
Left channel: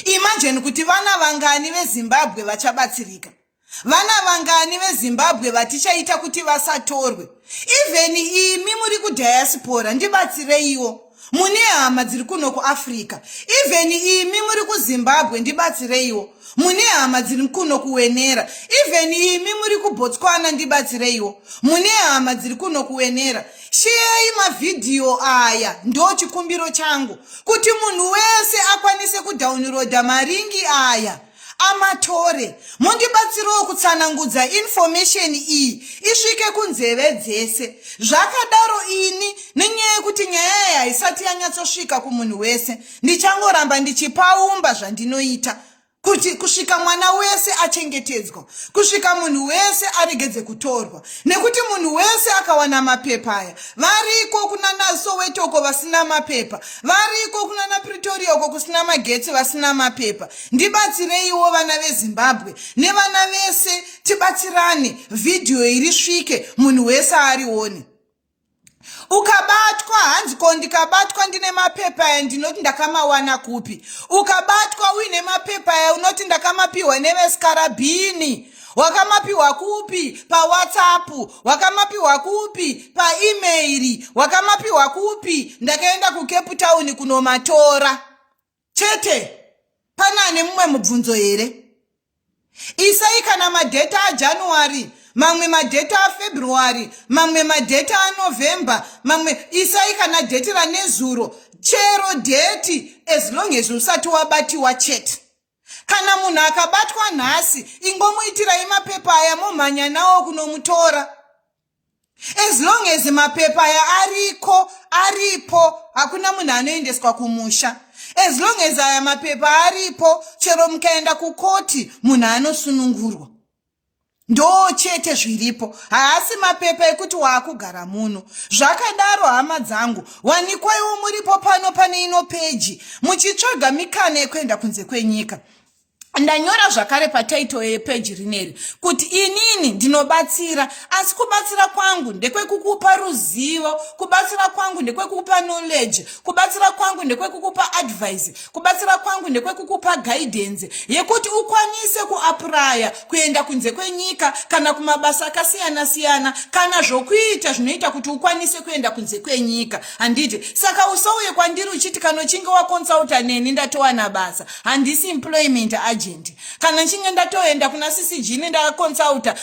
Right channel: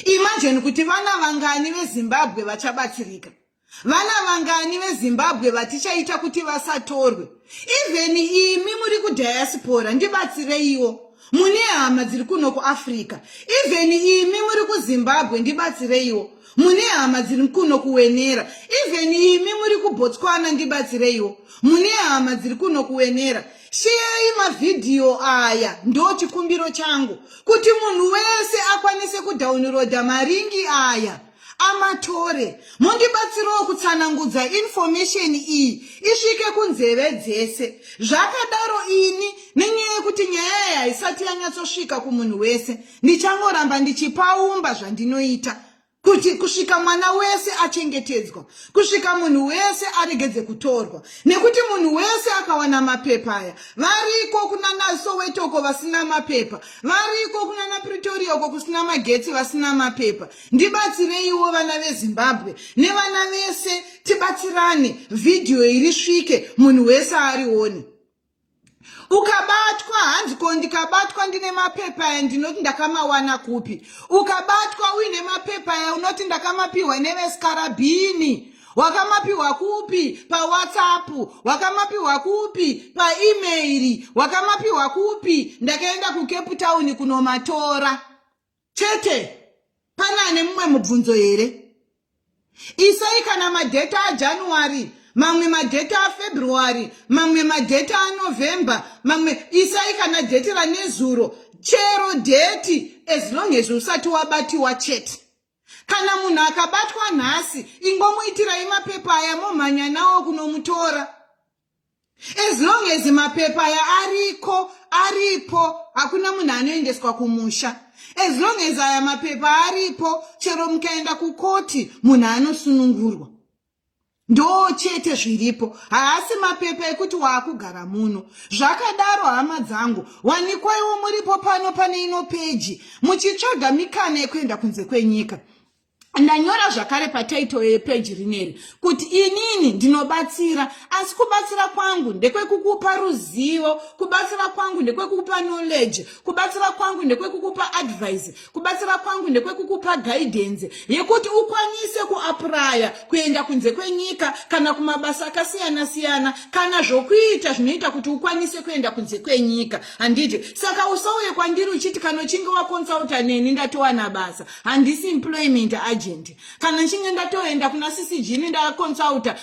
Imagine kuti vana vangani veZimbabwe vachabatsirika. Vana vangani veZimbabwe vatichaita kuti vasatorwe. Even imi muri kudiaspora ndibatsireiwo. Mune hama dziri kuno kuAfrica. Even imi muri kuZimbabwe ndibatsireiwo. Mune hama dziri kuno kuwenera. Even imi muri kuBotswana ndibatsireiwo. Mune hama dziri kuno kuwenera. Share mavhidhiyo aya, ndo chikumbiro changu kuti munhu wese akwanise kudownloada maringi aya, amatore. Mundibatsirewo kutsanangudza information iyi isvike kunzeve dzese. Zvakadaro ini nenyaya yekuti nyaya iyi haisati yanyatsosvika kumunhu wese, ndichangoramba ndichipaumba zvandinoita kuti kusvika mwana wese achengetedzwa, kusvika munhu wese aregedze kutorwa, nekuti munhu wese akawana mapepa aya. Variko kuna Soweto uko vasina mapepa, variko kuna Pretoria uko kusina magetsi vasina mapepa. Ndibatsireiwo vana veZimbabwe nevana vese, tibatsirane video iri svike munhu wese arione. Ukabatwa hanzi ko ndikabatwa ndine mapepa aya ndinoti ndakamawana kupi. Ukabatwa uine mapepa aya unoti ndakamapiwa nevesikarabhini. Wakamapiwa kupi? Pa WhatsApp. Wakamapiwa kupi? Pa email. Wakamapiwa kupi? Ndakaenda ku Cape Town kunomatora. Chete, pana nemumwe mubvunzo here? Isai kana madata aJanuary, mamwe madata aFebruary, mamwe madata aNovember, mamwe isai kana date ranezuro, chero date as long as usati wabatiwa chete. Kana munhu akabatwa nhasi, ingomuitirai mapepa aya momhanya nawo kunomutora. As long as mapepa aya aripo, hakuna munhu anoendeswa kumusha. As long as aya mapepa aripo, chero mukaenda kukoti, munhu anosunungurwa. Ndo chete zviripo, haasi mapepa ekuti waakugara muno. Zvakadaro hama dzangu, wanikwaiwo muripo pano pane ino peji, muchitsvaga mikana yekuenda kunze kwenyika. Ndanyora zvakare pataito yepeji rineri kuti inini ndinobatsira, asi kubatsira kwangu ndekwekukupa ruzivo, kubatsira kwangu ndekwekukupa knowledge, kubatsira kwangu ndekwekukupa advice, kubatsira kwangu ndekwekukupa guidance yekuti ukwanise kuapply kuenda kunze kwenyika kana kumabasa akasiyana siyana, kana zvokuita zvinoita kuti ukwanise kuenda kunze kwenyika. Handiti saka usauye kwandiri uchiti kana uchinge wakonsulta neni ndatowana basa, handisi employment agent. Kana nchinge ndatoenda kuna CCG ndakonsulta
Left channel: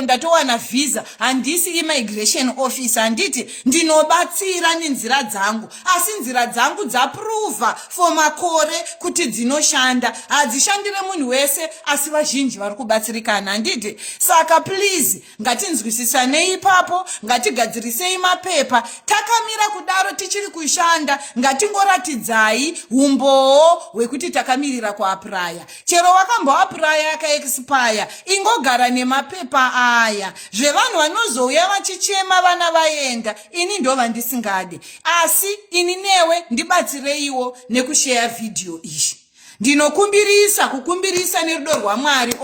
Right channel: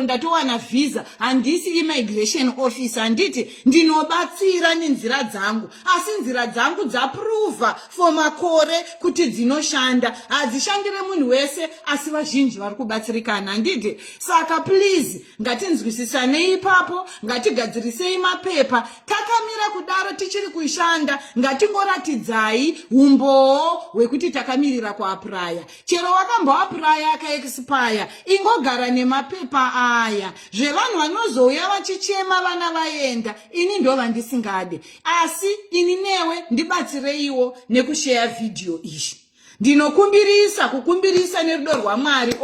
ndatowana visa, handisi immigration officer. Handiti ndinobatsira nenzira dzangu, asi nzira dzangu dzaprova for makore kuti dzinoshanda, hadzishandire munhu wese, asi vazhinji vari kubatsirikana. Handiti saka please ngatinzwisisanei ipapo, ngatigadzirisei mapepa. Takamira kudaro tichiri kushanda, ngatingoratidzai umboo hwekuti takamirira kuapply. Chero wakamboapply akaexpire, ingogara nemapepa aya. Zvevanhu vanozouya vachichema vana vaenda, ini ndo vandisingade. Asi ini newe ndibatsireiwo nekushare video iyi. Kukumbirisa nerudo rwaMwari.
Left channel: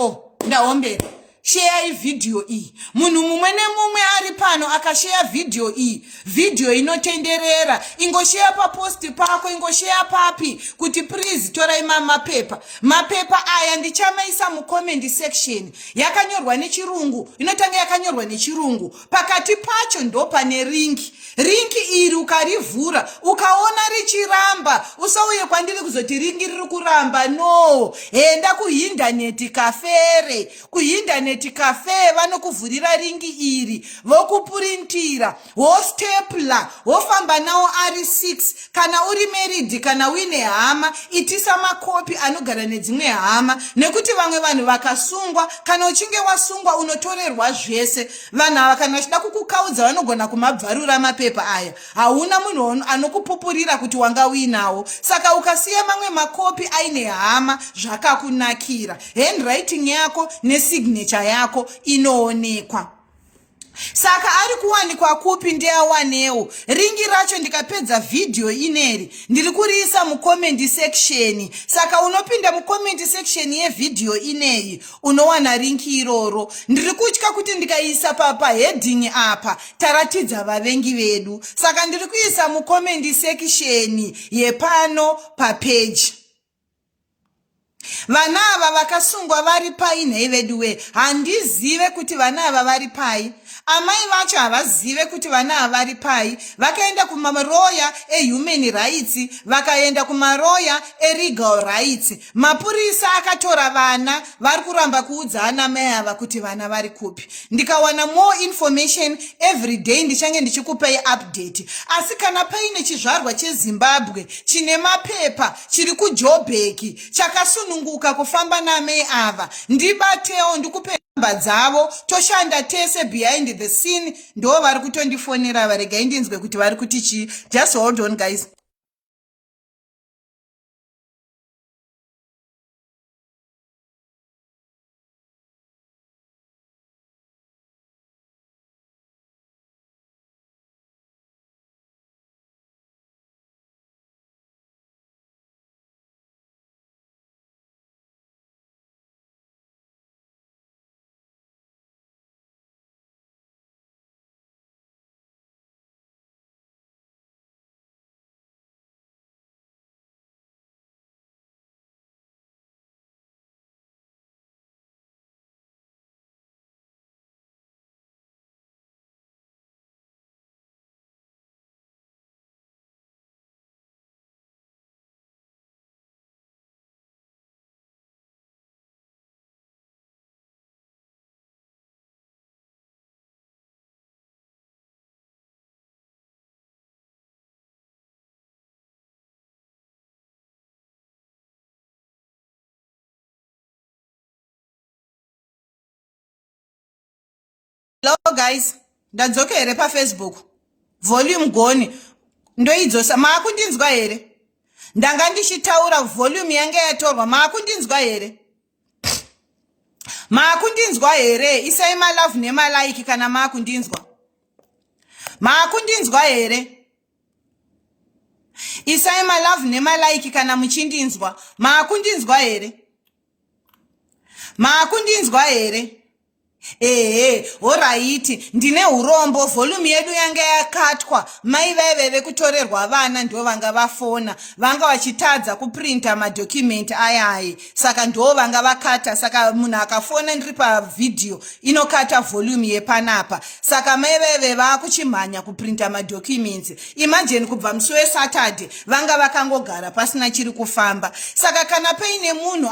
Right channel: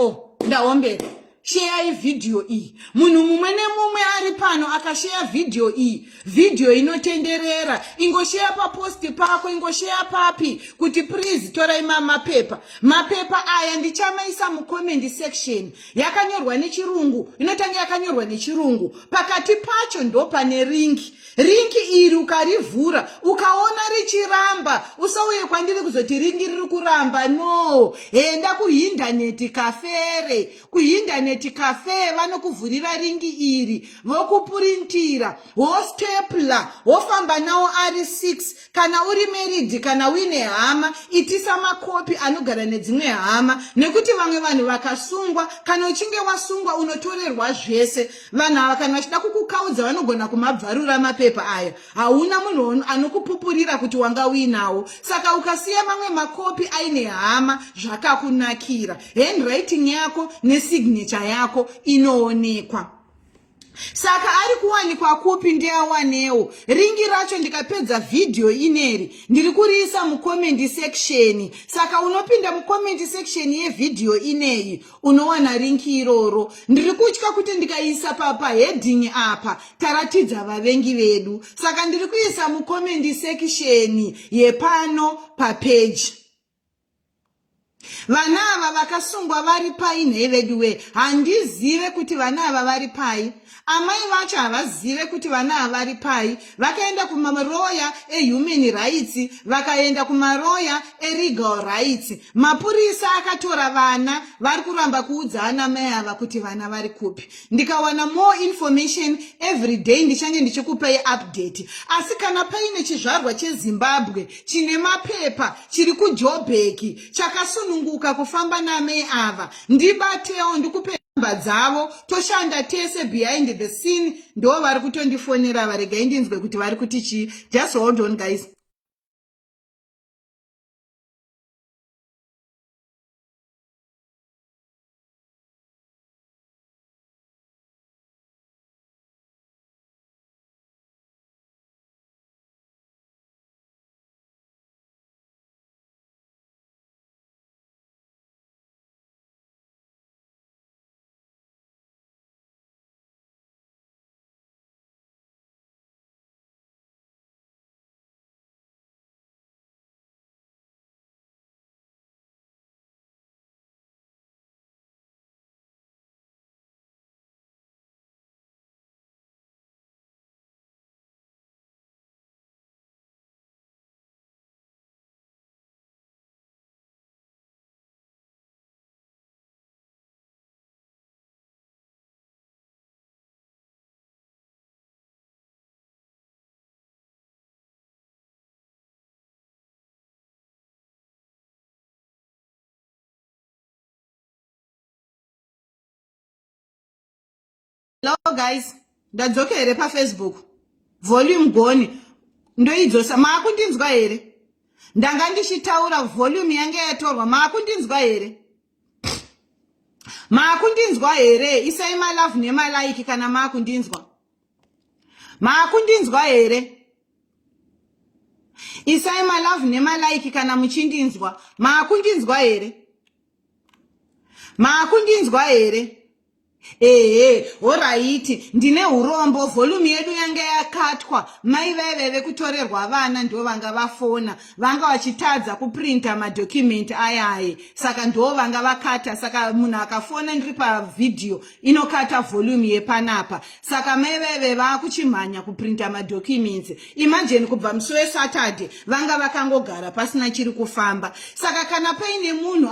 Ndaombera. Share video iyi. Munhu mumwe nemumwe ari pano akashare video iyi, video inotenderera, ingoshare pa post pako, ingoshare papi kuti please torai mapepa. Mapepa aya ndichamaisa mu comment section. Yakanyorwa nechirungu, inotanga yakanyorwa nechirungu. Pakati pacho ndo pane link. Link iri ukarivhura, ukaona richiramba, usauye kwandiri kuzoti ringi riri kuramba. No, enda kuinternet cafe, cafe vanokuvhurira ringi iri, vokupurintira, wostapler, wofamba nawo ari 6. Kana uri married, kana uine hama, itisa makopi anogara nedzimwe hama, nekuti vamwe vanhu vakasungwa, kana uchinge wasungwa unotorerwa zvese. Vanhu ava kana vachida kukukaudza vanogona kumabvarura mapepa aya. Hauna munhu anokupupurira kuti wanga uinawo. Saka ukasiya mamwe makopi aine hama, zvakakunakira. Handwriting yako nesignature yako inoonekwa. Saka ari kuwanikwa kupi ndeawanewo. Ringi racho ndikapedza video ineri ndiri kuriisa mu comment section. Saka unopinda mu comment section ye video ineyi unowana ringi iroro. Ndiri kutya kuti ndikaisa papa heading apa taratidza vavengi vedu. Saka ndiri kuisa mu comment section yepano pa page. Vana ava vakasungwa vari pai nei veduwe. Handizive kuti vana ava vari pai. Amai vacho havazive kuti vana ava vari pai. Vakaenda kumaroya human rights, vakaenda kumaroya legal rights. Mapurisa akatora vana, vari kuramba kuudzana mai ava kuti vana vari kupi. Ndikawana more information every day ndichange ndichikupai update. Asi kana paine chizvarwa cheZimbabwe chine mapepa chiri kuJoburg chakasunungurwa vasununguka kufamba namei ava. Ndibatewo ndikupe namba dzavo toshanda tese behind the scene. Ndo vari kutondifonera varegai ndinzwe kuti vari kuti chii. Just hold on guys. Hello guys, ndadzoka here paFacebook. Volume gone. Ndoidzosa. Maakundinzwa here? Ndanga ndichitaura volume yange yatorwa. Maakundinzwa here? Maakundinzwa here? Isai my love nemalike kana maakundinzwa. Maakundinzwa here? Isai my love nemalike kana muchindinzwa. Maakundinzwa here? Maakundinzwa here? Alright, ndine urombo, volume yedu yange yakatwa. Mai veve kutorerwa vana ndo vanga vafona, vanga vachitadza kuprinta madocument ayaye. Saka ndo vanga vakata, saka munhu akafona ndiri pa video inokata volume yepanapa. Saka mai veve vakuchimhanya kuprinta madocuments. Imagine kubva musi weSaturday vanga vakangogara pasina chiri kufamba. Saka kana paine munhu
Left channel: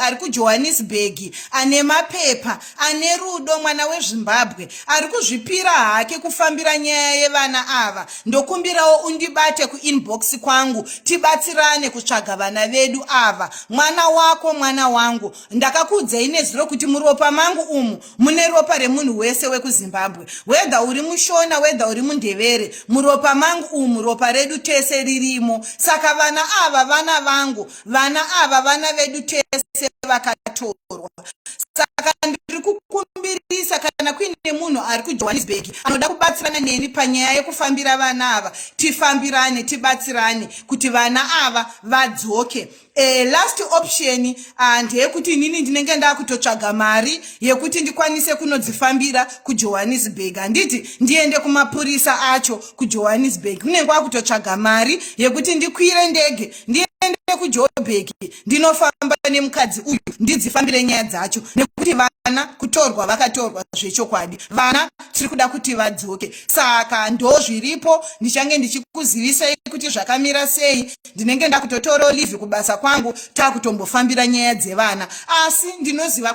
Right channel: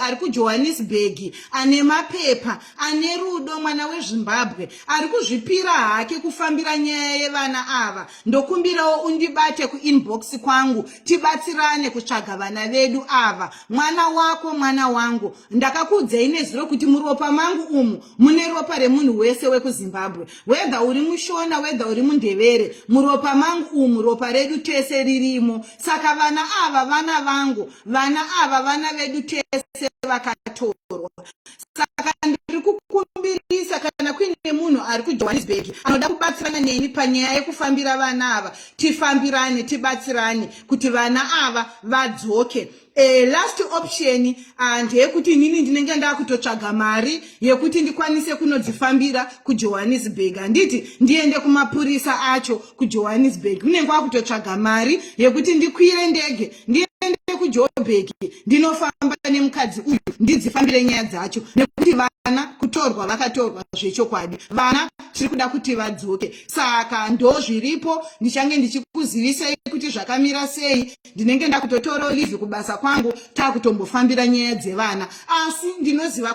ari kuJohannesburg ane mapepa, ane rudo, mwana weZimbabwe ari kuzvipira hake kufambira nyaya yevana ava, ndokumbirawo undibate kuinbox kwangu tibatsirane kutsvaga vana vedu ava. Mwana wako mwana wangu, ndakakuudzai nezuro kuti muropa mangu umu mune ropa remunhu wese wekuZimbabwe, wega uri mushona wega uri mundevere, muropa mangu umu ropa redu tese ririmo. Saka vana ava vana vangu, vana ava vana vedu tese vakatorerwa. Saka ndiri kukumbirisa kana kuine munhu ari kuJohannesburg anoda kubatsirana neni panyaya yekufambira vana ava, tifambirane tibatsirane kuti vana ava vadzoke. Last option ndeyekuti nini ndinenge ndakutotsvaga mari yekuti ndikwanise kunodzifambira kuJohannesburg. Handiti ndiende kumapurisa acho kuJohannesburg, kunenge kwakutotsvaga mari yekuti ndikwire ndege ndiende kuJohannesburg ndinofamba nemukadzi uyu ndidzifambire nyaya dzacho, nekuti vana kutorwa vakatorwa zvechokwadi, vana tiri kuda kuti vadzoke. Saka ndo zviripo, ndichange ndichikuzivisai kuti zvakamira sei. Ndinenge ndakutotora leave kubasa kwangu takutombofambira nyaya dzevana, asi ndinoziva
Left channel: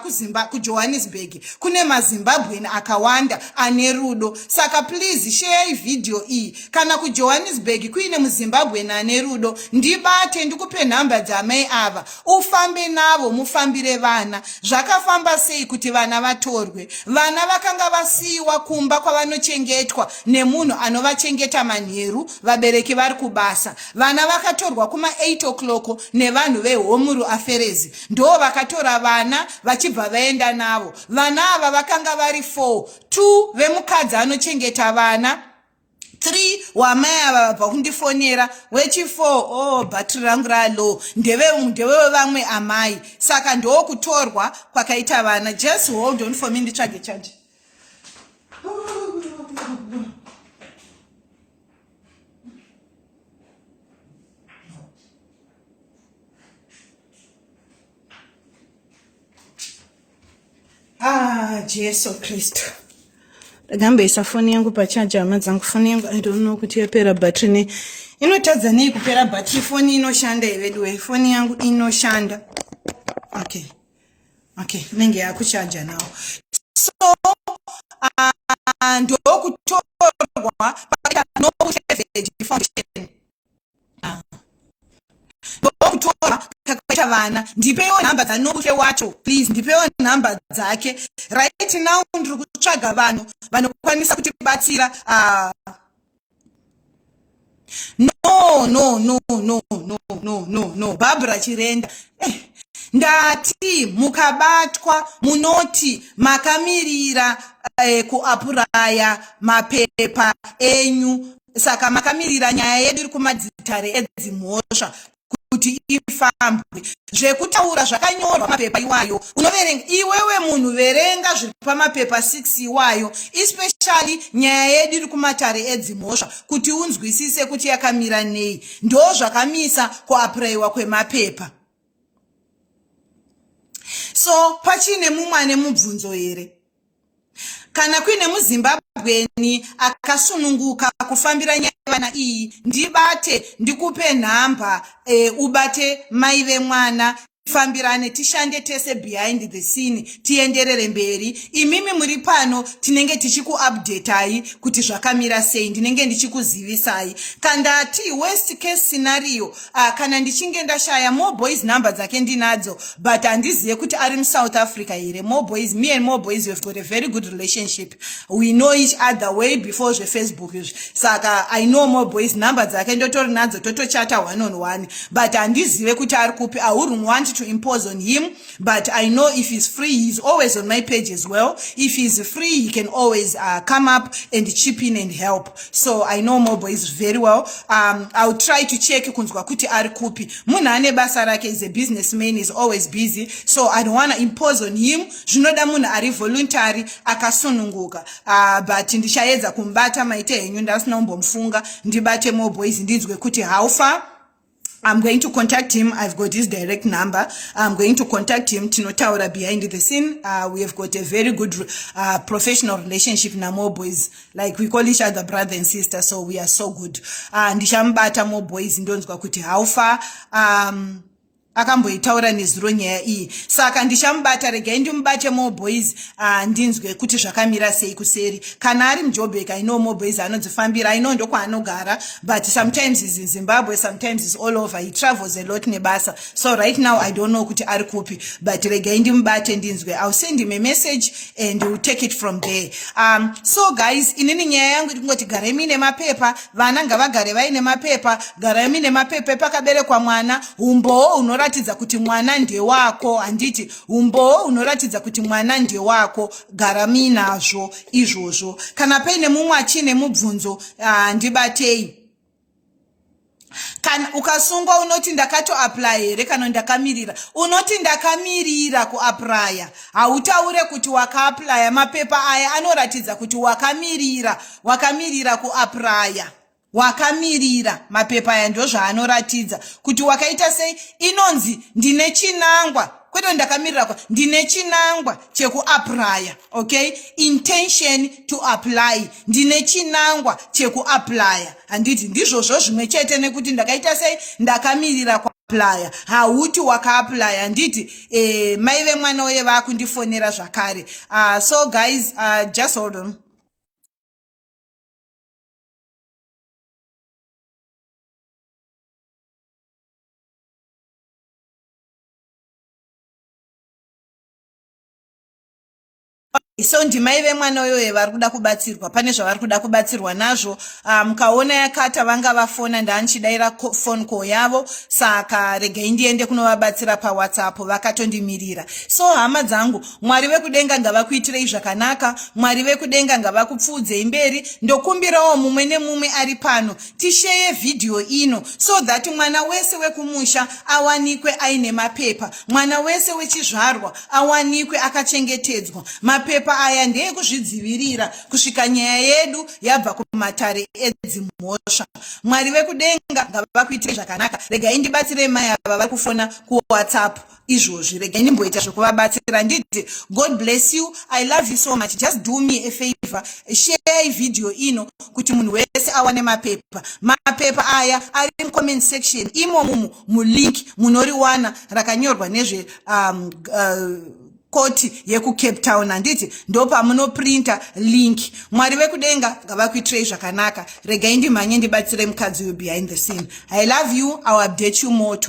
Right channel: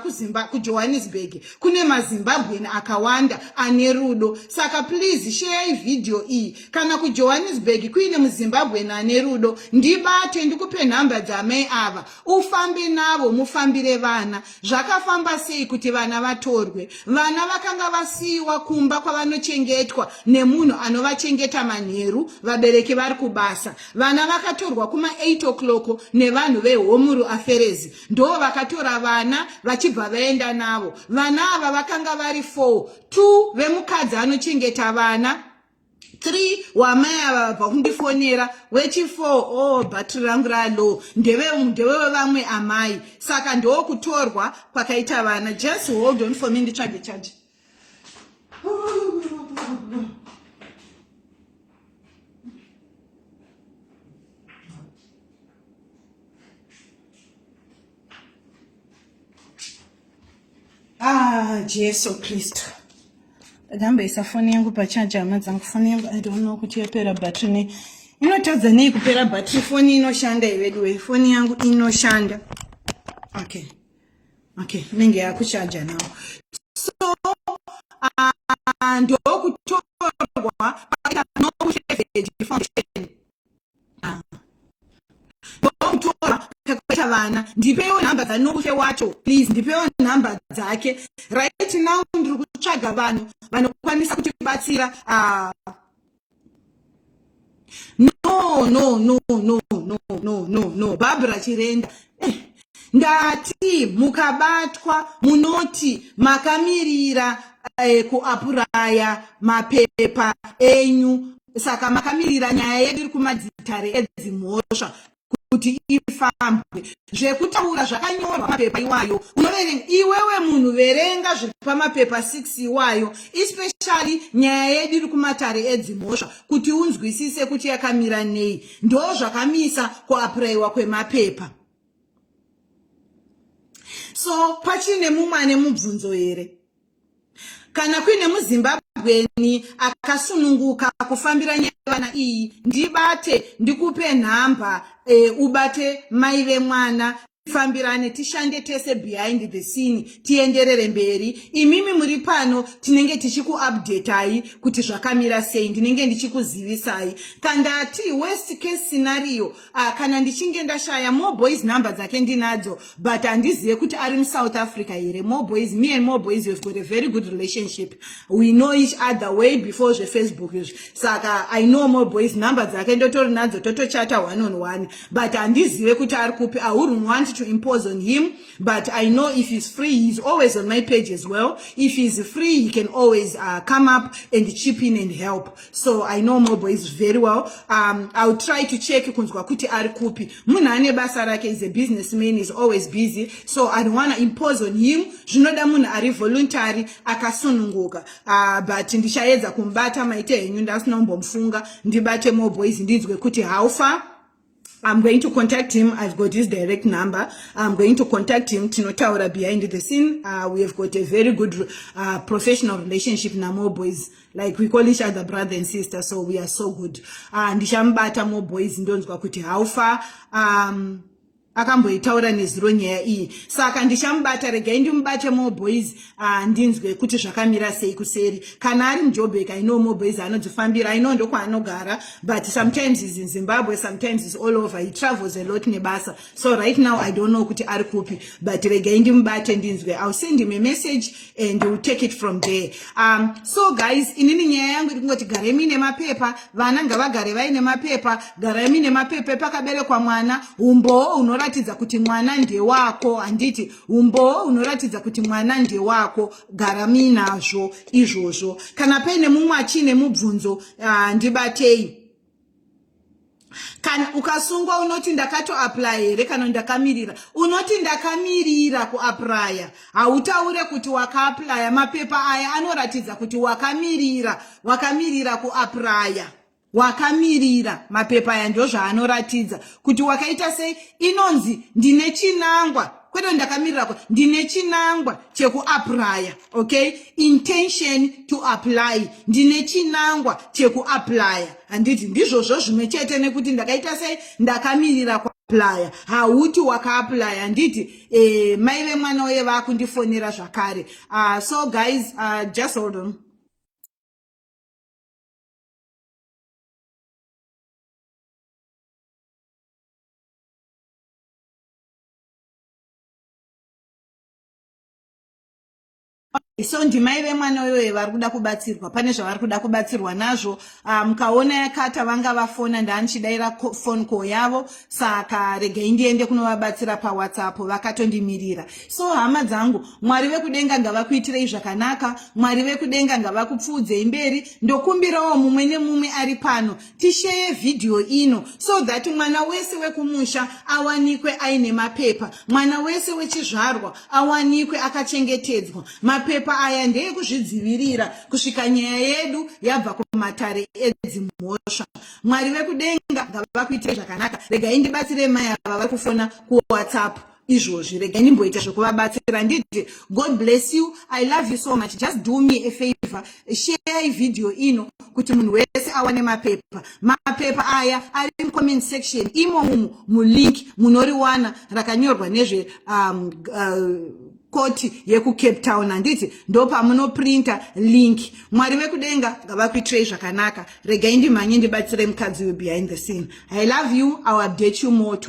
kuJohannesburg kune maZimbabwean akawanda ane rudo. Saka please share video iyi. Kana kuJohannesburg kuine muZimbabwean ane rudo, ndibate ndikupe nhamba dzamai ava, ufambe navo mufambire vana. Zvakafamba sei kuti vana vatorwe? Vana vakanga vasiyiwa kumba kwavanochengetwa nemunhu anovachengeta manheru, vabereki vari kubasa. Vana vakatorwa kuma 8 o'clock nevanhu veHome Affairs, ndo vakatora vana vachibva vaenda navo. Vana ava vakanga vari 4, 2 vemukadzi anochengeta vana, 3 wamai ava vabva kundifonera, wechi4 bhatiri rangu ralo ndeve vamwe amai. Saka ndo kutorwa kwakaita vana. Just hold on for me nditsvage charge. Jesu Kristu. Ndagambesa foni yangu pachaja, hama dzangu foni yangu I don't know kuti yapera battery. Inotadza nei kupera battery? Foni inoshanda iwedu, foni yangu inoshanda. Okay, nenge yakuchaja nawo. So ndo kutorwa pakaita no foundation. Kutorwa pakaita kubata vana. Ndipewo nhamba dzanobufe wacho, please. Ndipewo nhamba dzake. Right now ndiri kutsvaga vanhu vanokwanisa kutibatsira. No. Barbara Chirenda. Ndati mukabatwa munoti makamirira kuapuraya mapepa enyu. Saka makamirira nyaya yedu iri kumadzitare edzimhosva kuti ifambwe. Zvekutaura zvakanyorwa mapepa iwayo. Unoverenga iwewe munhu, verenga zviri pamapepa 6 iwayo, especially nyaya yedu iri kumatare edzimhosva kuti unzwisise kuti yakamira nei. Ndo zvakamisa kuapurayiwa kwemapepa. So pachine mumwe mubvunzo here? Kana kuine muZimbabweni akasununguka kufambira nyaya vana iyi, ndibate ndikupe nhamba ubate mai vemwana, fambirane tishande tese behind the scene, tienderere mberi. Imimi muri pano tinenge tichikuupdateai kuti zvakamira sei, ndinenge ndichikuzivisai. Kandati worst case scenario, kana ndichinge ndashaya More Boys number dzake ndinadzo, but andizive kuti ari muSouth Africa here. More Boys, me and More Boys, we've got a very good relationship. We know each other way before the Facebook. Saka I know More Boys number dzake ndotori nadzo, totochata one on one, but andizive kuti ari kupi. I wouldn't want to impose on him, but I know if he's free, he's always on my page as well. If he's free, he can always come up and chip in and help. So I know More Boys very well. I'll try to check kunzwa kuti ari kupi. Munhu ane basa rake, is a businessman, is always busy, so I don't want to impose on him. Zvinoda munhu ari voluntary akasununguka. But ndichaedza kumbata maite henyu, ndasinombomfunga ndibate More Boys ndinzwe kuti how far. I'm going to contact him. I've got his direct number. I'm going to contact him. Tinotaura behind the scene. We have got a very good professional relationship na More Boys. Like we call each other brother and sister, so we are so good. Ndishambata More Boys ndonzwa kuti how far. Akamboitaura nezuro nyaya iyi. Saka ndishambata, regai ndimbate More Boys ndinzwe kuti zvakamira sei kuseri. Kana ari muJoburg, I know More Boys anodzifambira, I know ndoko anogara, but sometimes he's in Zimbabwe, sometimes he's all over, he travels a lot nebasa. So right now I don't know kuti ari kupi, but regai ndimbate ndinzwe. I'll send him a message and we'll take it from there. So guys, inini nyaya yangu ndingoti garai mine mapepa, vana ngavagare vaine mapepa, garai mine mapepa pakaberekwa mwana, umbo unoratidza kuti mwana ndiye wako, anditi umbo unoratidza kuti mwana ndiye wako, gara minazvo izvozvo. Kana paine mumwe achine mubvunzo ndibatei. Kana ukasungwa unoti ndakato apply here, kana ndakamirira, unoti ndakamirira kuapply, hautaure kuti wakaapply mapepa aya anoratidza kuti wakamirira kuapply. Wakamirira mapepa aya ndo zvaanoratidza kuti wakaita sei. Inonzi ndine chinangwa, kwete ndakamirira, ndine chinangwa chekuapply. Okay, intention to apply, ndine chinangwa chekuapply. Anditi ndizvozvo zvimwe chete nekuti ndakaita sei, ndakamirira kuapply. Hauti wakaapply. Anditi mai vemwana uye vakundifonera zvakare. So guys, just hold on. So ndimai vemwana uyoyo vari kuda kubatsirwa, pane zvavari kuda kubatsirwa nazvo. Mukaona yakata vanga vafona, ndanchidaira phone call yavo, saka regai ndiende kunovabatsira paWhatsApp, vakatondimirira. So hama dzangu, Mwari vekudenga ngavakuitirei zvakanaka, Mwari vekudenga ngavakupfudzei mberi. Ndokumbirawo mumwe nemumwe ari pano tishare video ino, so that mwana wese wekumusha awanikwe aine mapepa, mwana wese wechizvarwa awanikwe akachengetedzwa. Mapepa aya ndeye kuzvidzivirira kusvika nyaya yedu yabva kumatare edzimhosva. Mwari vekudenga ngavakuitirei zvakanaka. Regai ndibatsire mai ava vari kufona kuWhatsApp izvozvi, regai ndimboita zvekuvabatsira. Nditi God bless you, I love you so much. Just do me a favor, share video ino kuti munhu wese awane mapepa. Mapepa aya ari mcomment section imomo mulink munoriwana rakanyorwa nezve koti yeku Cape Town. Anditi ndopa munoprinta link. Mwari vekudenga ngavakuitirei zvakanaka. Regai ndimhanye ndibatsire mukadzi behind the scene. I love you. I'll update you more.